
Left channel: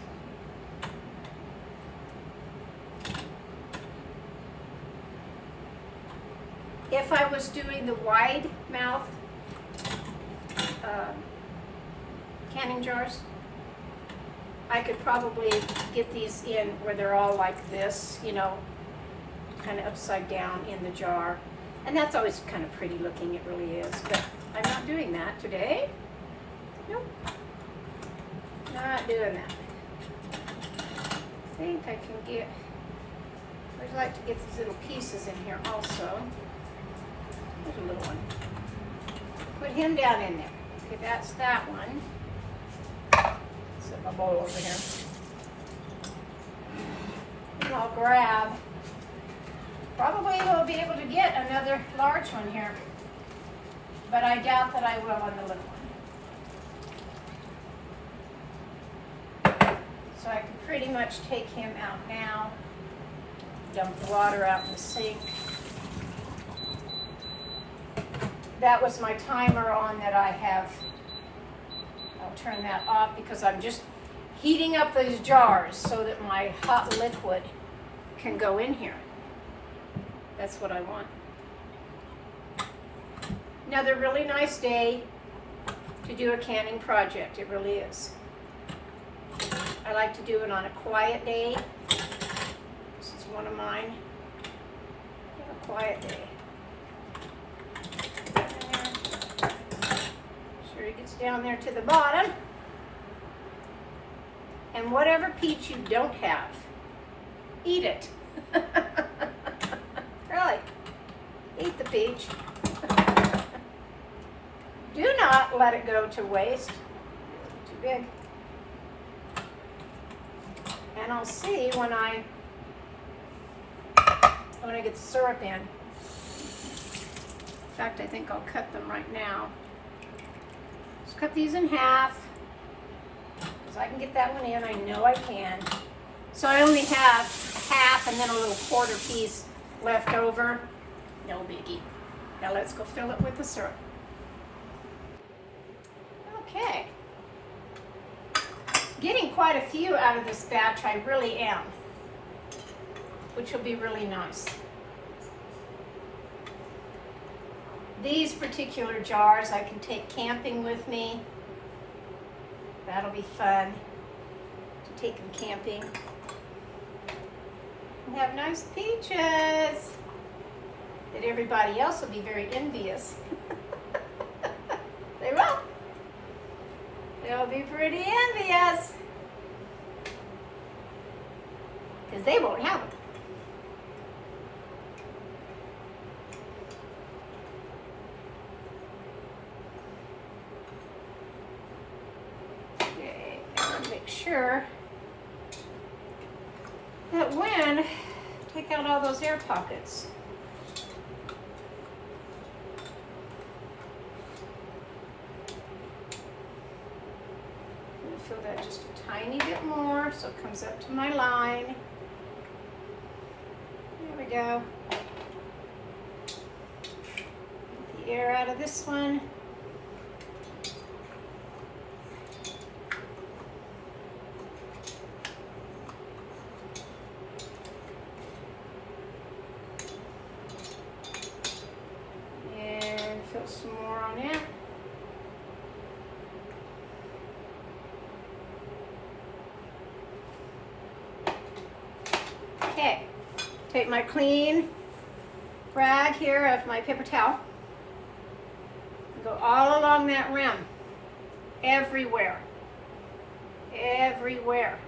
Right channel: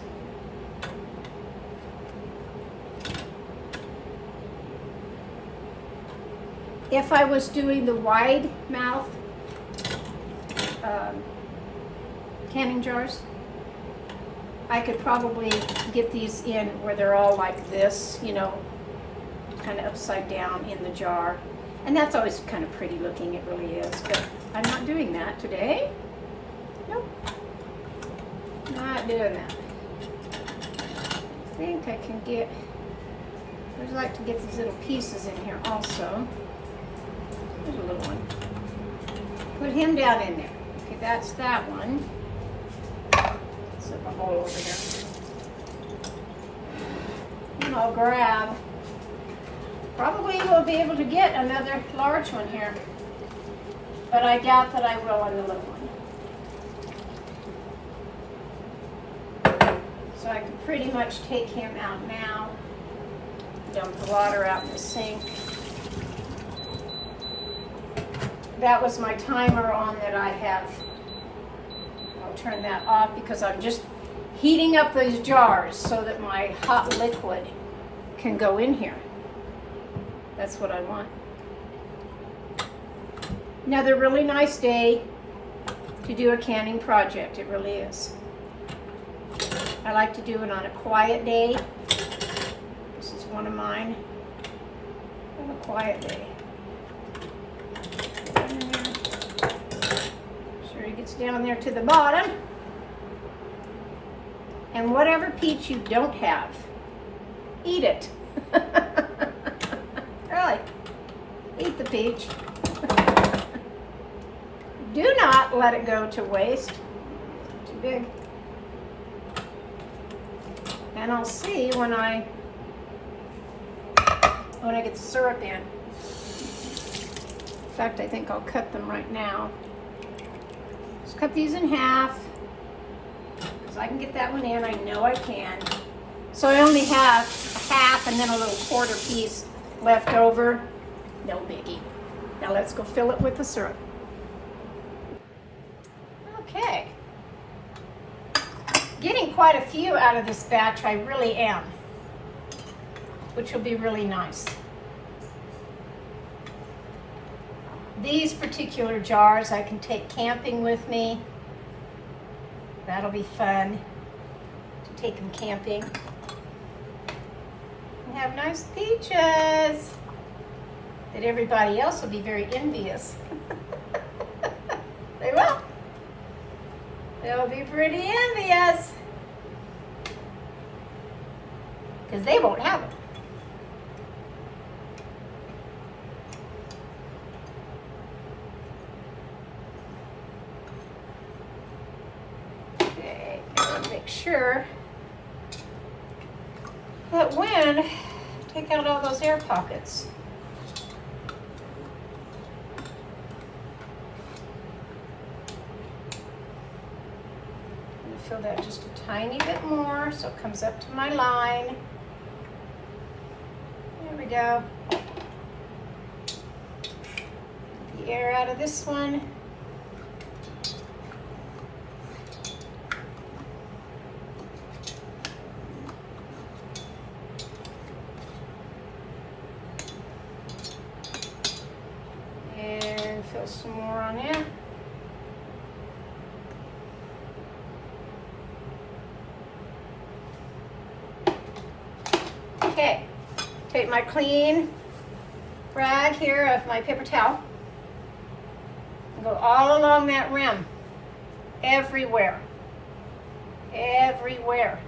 If I was doing the wide mouth canning jars, I could probably get these in where they're all like this, you know, kind of upside down in the jar. And that's always kind of pretty looking, it really is. But I'm not doing that today. Nope. Not doing that. I think I can get, I'd like to get these little pieces in here also. There's a little one. Put him down in there. Okay, that's that one. Set my bowl over here. And I'll grab, probably we'll be able to get another large one here, but I doubt that I will on the little one. So I can pretty much take him out now. Dump the water out in the sink. That was my timer on that I have. I'll turn that off because I'm just heating up those jars so that my hot liquid can go in here. That's what I want. Another really nice day to do a canning project. It really is. I like to do it on a quiet day. This is one of mine. On a quiet day. Sure he gets down there to the bottom. And whatever peach you don't have, eat it. Really, eat the peach. Do not let it go to waste. Too big. And I'll see when I get the syrup in. In fact, I think I'll cut them right now. Just cut these in half. So I can get that one in, I know I can. So I only have a half and then a little quarter piece left over. No biggie. Now let's go fill it with the syrup. Okay. Getting quite a few out of this batch, I really am. Which will be really nice. These particular jars I can take camping with me. That'll be fun to take them camping. And have nice peaches that everybody else will be very envious. They will. They'll be pretty envious because they won't have them. Make sure that when take out all those air pockets. I'm going to fill that just a tiny bit more so it comes up to my line. There we go. Get the air out of this one. Some more on in. Okay, take my clean rag here of my paper towel and go all along that rim, everywhere, everywhere.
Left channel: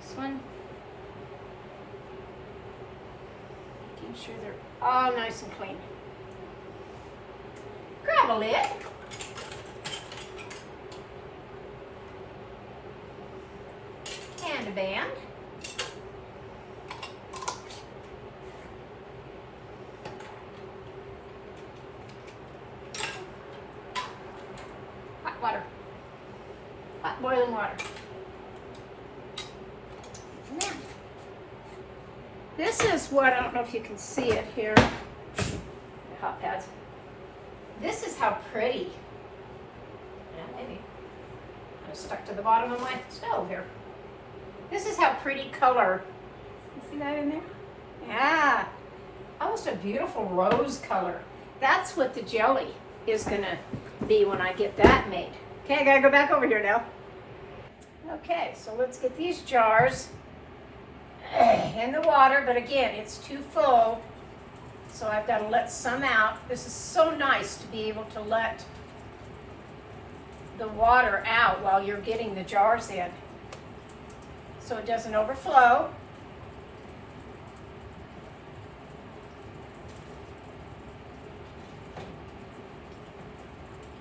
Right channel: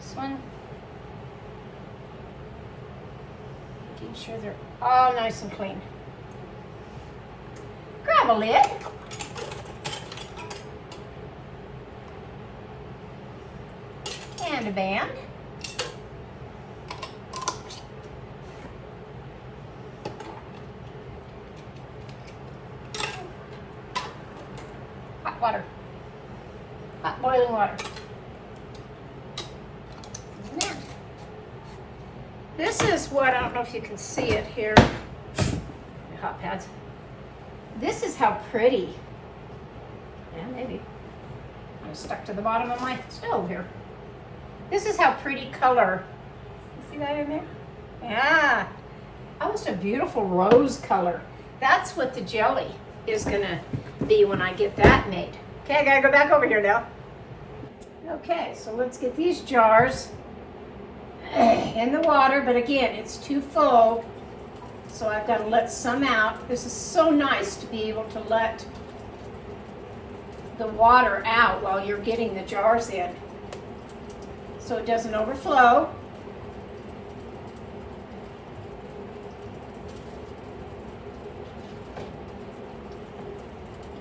This one. Making sure they're all nice and clean. Grab a lid. And a band. Hot water. Hot boiling water. This is what, I don't know if you can see it here, hot pads. This is how pretty, yeah, maybe, I'm stuck to the bottom of my stove here. This is how pretty color, you see that in there? Yeah, almost a beautiful rose color. That's what the jelly is gonna be when I get that made. Okay, I gotta go back over here now. Okay, so let's get these jars in the water, but again, it's too full, so I've got to let some out. This is so nice to be able to let the water out while you're getting the jars in, so it doesn't overflow.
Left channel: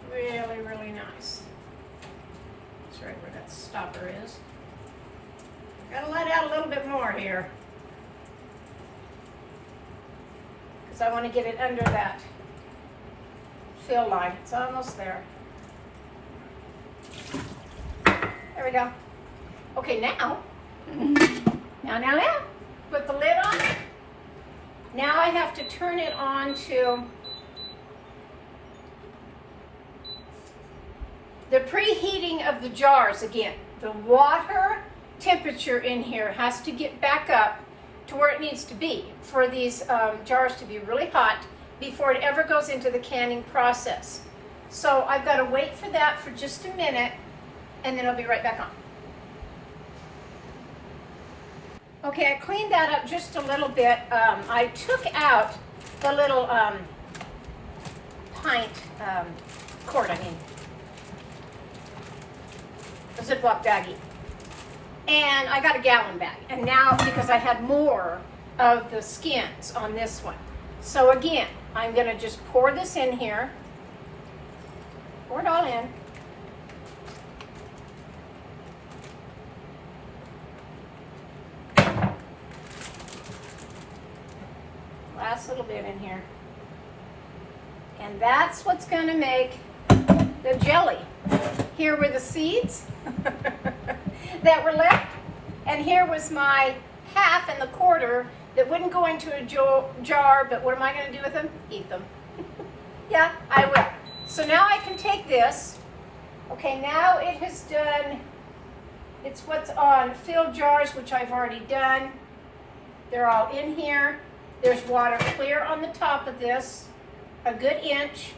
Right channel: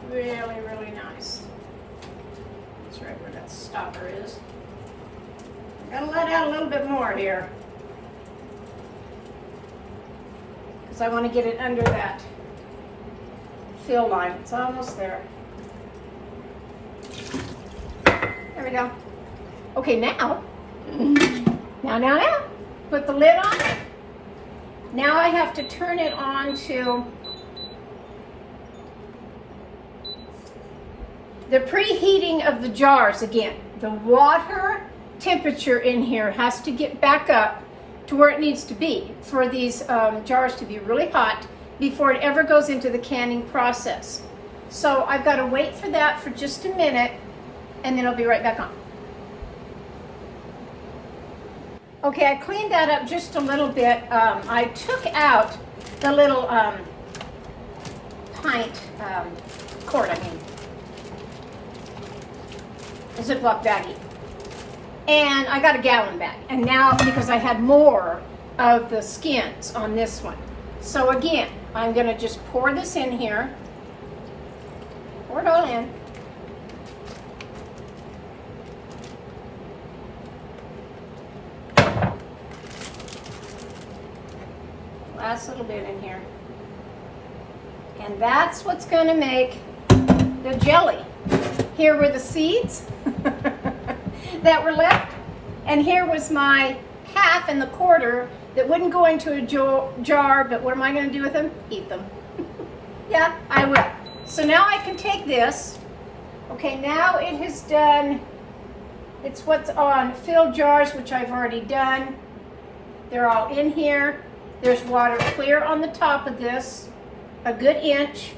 Really, really nice. That's right where that stopper is. Gotta let out a little bit more here, because I want to get it under that fill line. It's almost there. There we go. Okay, now, put the lid on. Now I have to turn it on to the preheating of the jars again. The water temperature in here has to get back up to where it needs to be for these jars to be really hot before it ever goes into the canning process. So I've got to wait for that for just a minute, and then I'll be right back on. Okay, I cleaned that up just a little bit. I took out the little pint quart, a Ziploc baggie. And I got a gallon bag. And now, because I had more of the skins on this one. So again, I'm gonna just pour this in here. Pour it all in. Last little bit in here. And that's what's gonna make the jelly. Here were the seeds that were left, and here was my half and the quarter that wouldn't go into a jar, but what am I going to do with them? Eat them. Yeah, I will. So now I can take this. Okay, now it has done, it's what's on filled jars, which I've already done. They're all in here. There's water clear on the top of this, a good inch.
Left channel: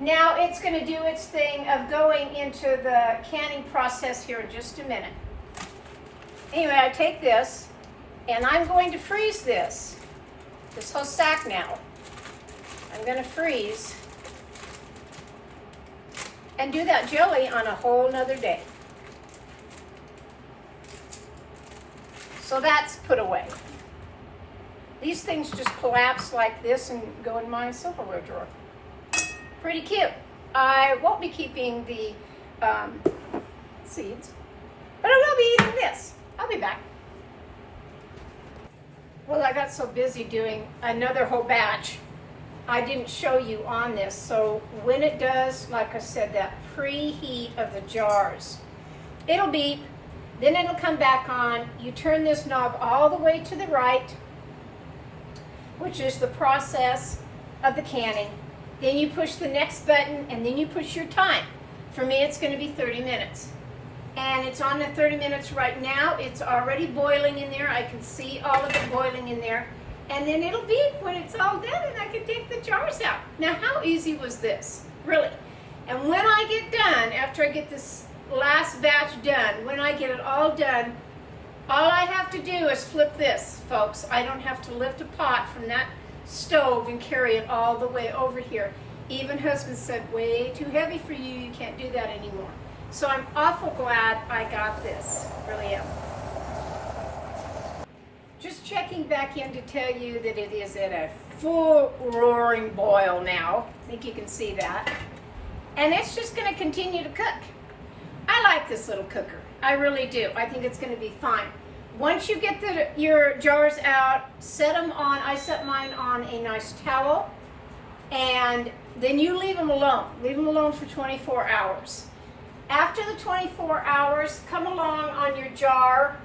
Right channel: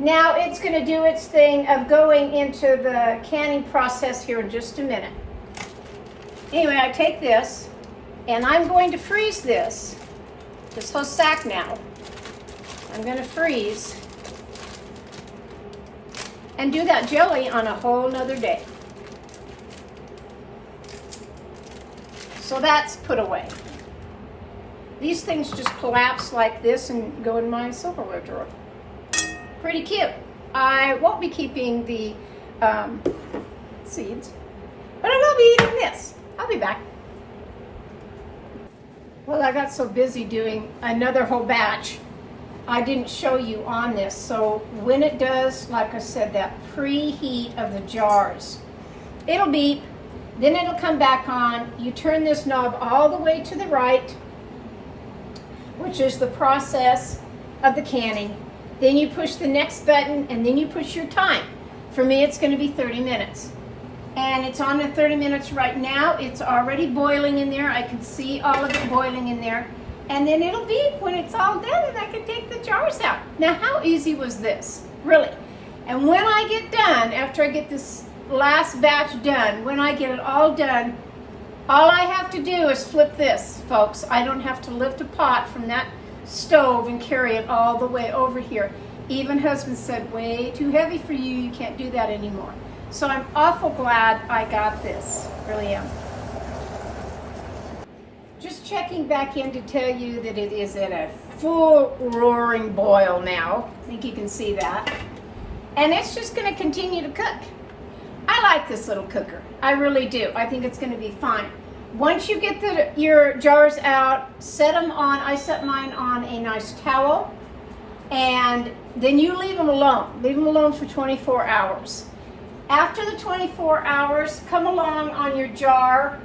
Now it's going to do its thing of going into the canning process here in just a minute. Anyway, I take this and I'm going to freeze this whole sack now. I'm going to freeze and do that jelly on a whole nother day. So that's put away. These things just collapse like this and go in my silverware drawer. Pretty cute. I won't be keeping the seeds, but I will be eating this. I'll be back. Well, I got so busy doing another whole batch, I didn't show you on this. So when it does, like I said, that preheat of the jars, it'll beep, then it'll come back on. You turn this knob all the way to the right, which is the process of the canning. Then you push the next button, and then you push your time. For me, it's going to be 30 minutes. And it's on the 30 minutes right now. It's already boiling in there. I can see all of it boiling in there. And then it'll beep when it's all done, and I can take the jars out. Now, how easy was this? Really? And when I get done, after I get this last batch done, when I get it all done, all I have to do is flip this, folks. I don't have to lift a pot from that stove and carry it all the way over here. Even husband said, way too heavy for you, you can't do that anymore. So I'm awful glad I got this, really am. Just checking back in to tell you that it is at a full roaring boil now. I think you can see that. And it's just going to continue to cook. I like this little cooker, I really do. I think it's going to be fine. Once you get your jars out, set them on, I set mine on a nice towel, and then you leave them alone. Leave them alone for 24 hours. After the 24 hours, come along on your jar,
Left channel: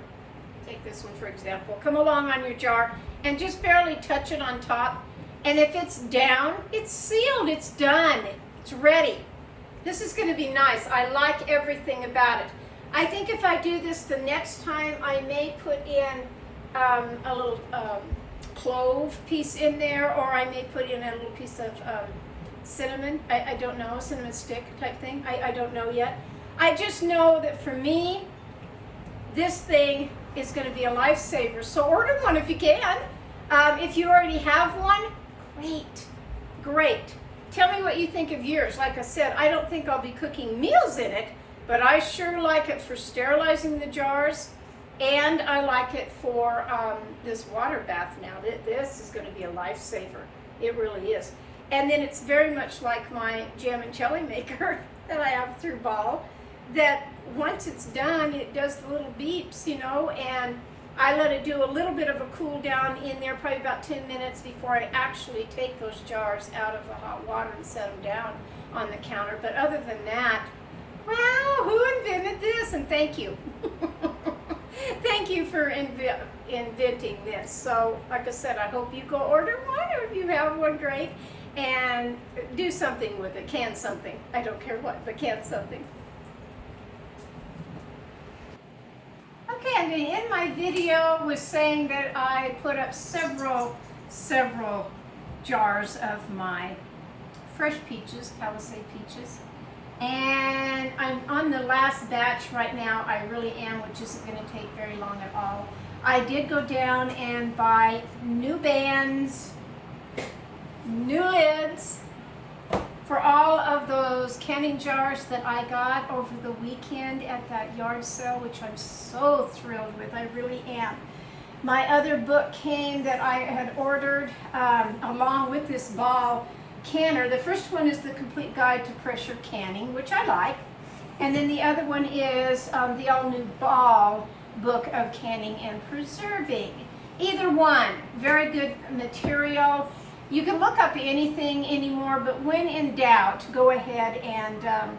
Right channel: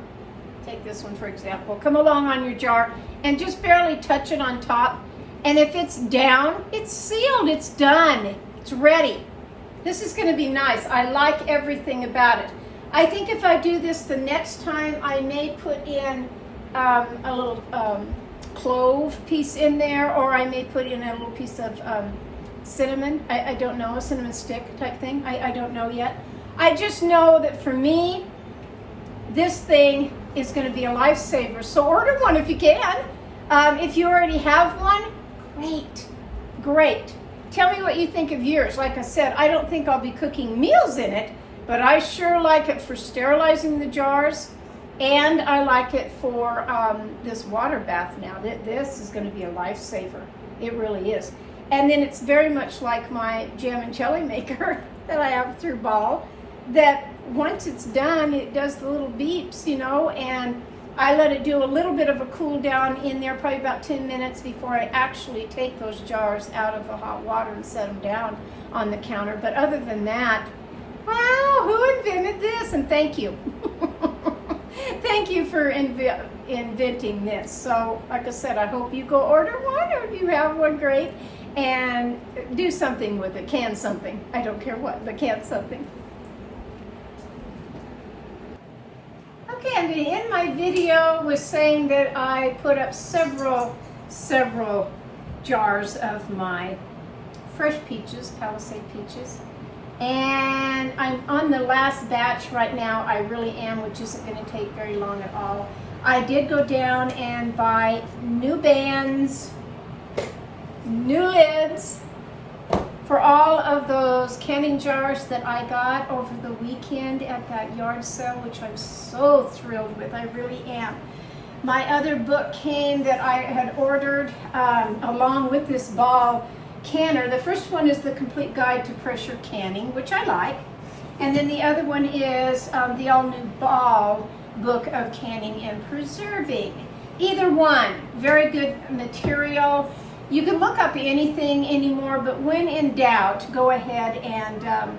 take this one for example, come along on your jar and just barely touch it on top. And if it's down, it's sealed, it's done, it's ready. This is going to be nice. I like everything about it. I think if I do this the next time, I may put in a little clove piece in there, or I may put in a little piece of cinnamon. I don't know, a cinnamon stick type thing. I don't know yet. I just know that for me, this thing is going to be a lifesaver. So order one if you can. If you already have one, great. Tell me what you think of yours. Like I said, I don't think I'll be cooking meals in it, but I sure like it for sterilizing the jars, and I like it for this water bath now. This is going to be a lifesaver. It really is. And then it's very much like my jam and jelly maker that I have through Ball, that once it's done, it does the little beeps, you know, and I let it do a little bit of a cool down in there, probably about 10 minutes before I actually take those jars out of the hot water and set them down on the counter. But other than that, wow, who invented this? And thank you. Thank you for inventing this. So, like I said, I hope you go order one, or if you have one, great, and do something with it. Can something. I don't care what, but can something. Okay, I'm going to end my video with saying that I put up several jars of my fresh peaches, Palisade peaches. And I'm on the last batch right now. I really am, which isn't going to take very long at all. I did go down and buy new bands, new lids for all of those canning jars that I got over the weekend at that yard sale, which I'm so thrilled with. I really am. My other book came that I had ordered along with this Ball canner. The first one is the Complete Guide to Pressure Canning, which I like. And then the other one is the all-new Ball book of canning and preserving. Either one, very good material. You can look up anything anymore, but when in doubt, go ahead and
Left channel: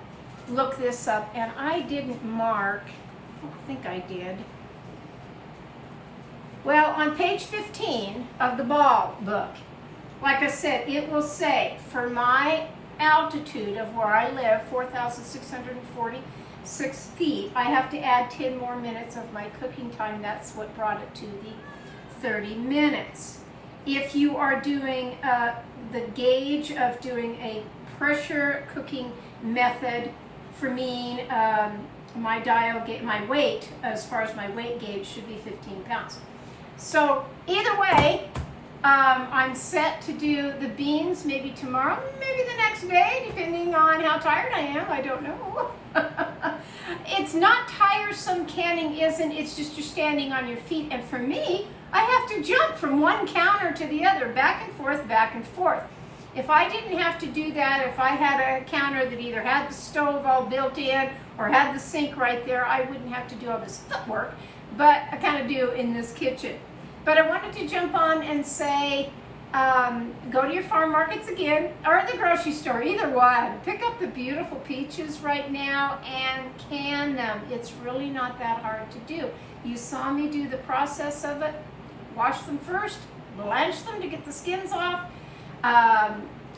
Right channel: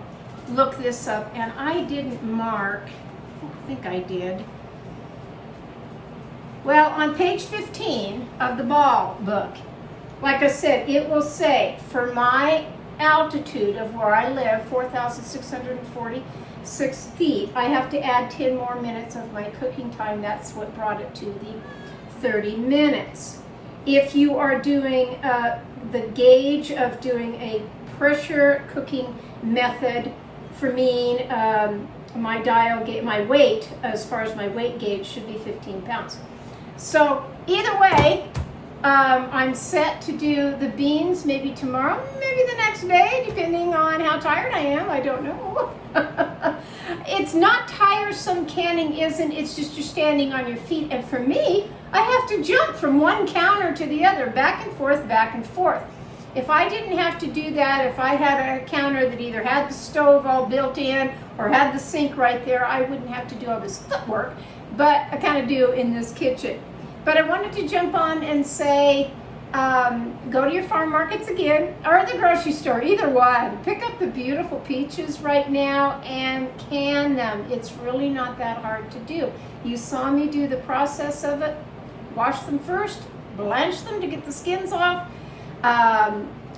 look this up. And I didn't mark, I think I did. Well, on page 15 of the Ball book, like I said, it will say, for my altitude of where I live, 4,646 feet, I have to add 10 more minutes of my cooking time. That's what brought it to the 30 minutes. If you are doing the gauge of doing a pressure cooking method, for me, my dial, my weight, as far as my weight gauge, should be 15 pounds. So either way, I'm set to do the beans maybe tomorrow, maybe the next day, depending on how tired I am. I don't know. It's not tiresome, canning isn't. It's just you're standing on your feet. And for me, I have to jump from one counter to the other, back and forth, back and forth. If I didn't have to do that, if I had a counter that either had the stove all built in or had the sink right there, I wouldn't have to do all this footwork, but I kind of do in this kitchen. But I wanted to jump on and say, go to your farm markets again, or the grocery store, either one. Pick up the beautiful peaches right now and can them. It's really not that hard to do. You saw me do the process of it. Wash them first, blanch them to get the skins off.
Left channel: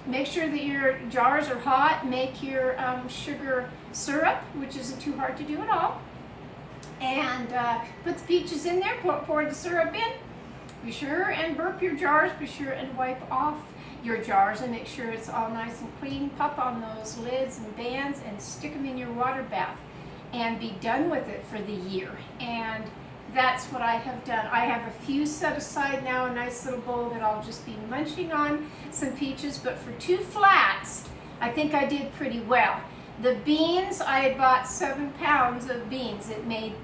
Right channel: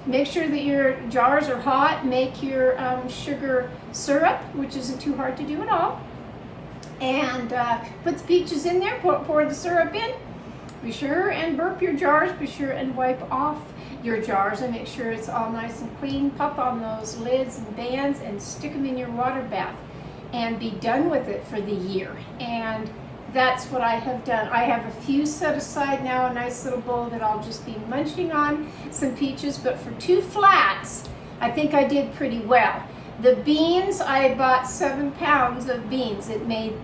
Make sure that your jars are hot. Make your sugar syrup, which isn't too hard to do at all. And put the peaches in there, pour the syrup in. Be sure and burp your jars. Be sure and wipe off your jars and make sure it's all nice and clean. Pop on those lids and bands and stick them in your water bath and be done with it for the year. And that's what I have done. I have a few set aside now, a nice little bowl that I'll just be munching on, some peaches, but for 2 flats, I think I did pretty well. The beans, I bought 7 pounds of beans. It made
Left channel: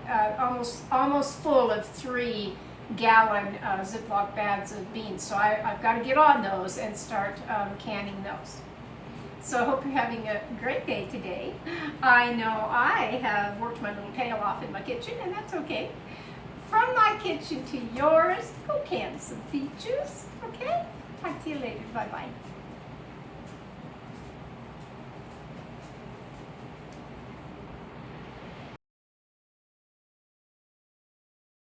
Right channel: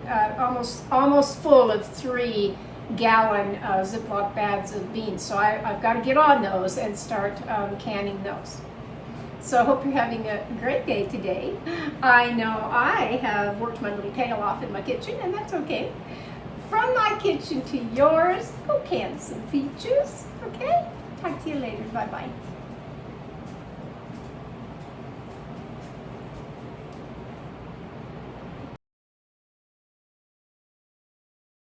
almost full of 3-gallon Ziploc bags of beans. So I've got to get on those and start canning those. So I hope you're having a great day today. I know I have worked my little tail off in my kitchen, and that's okay. From my kitchen to yours, go can some peaches, okay? Talk to you later. Bye-bye.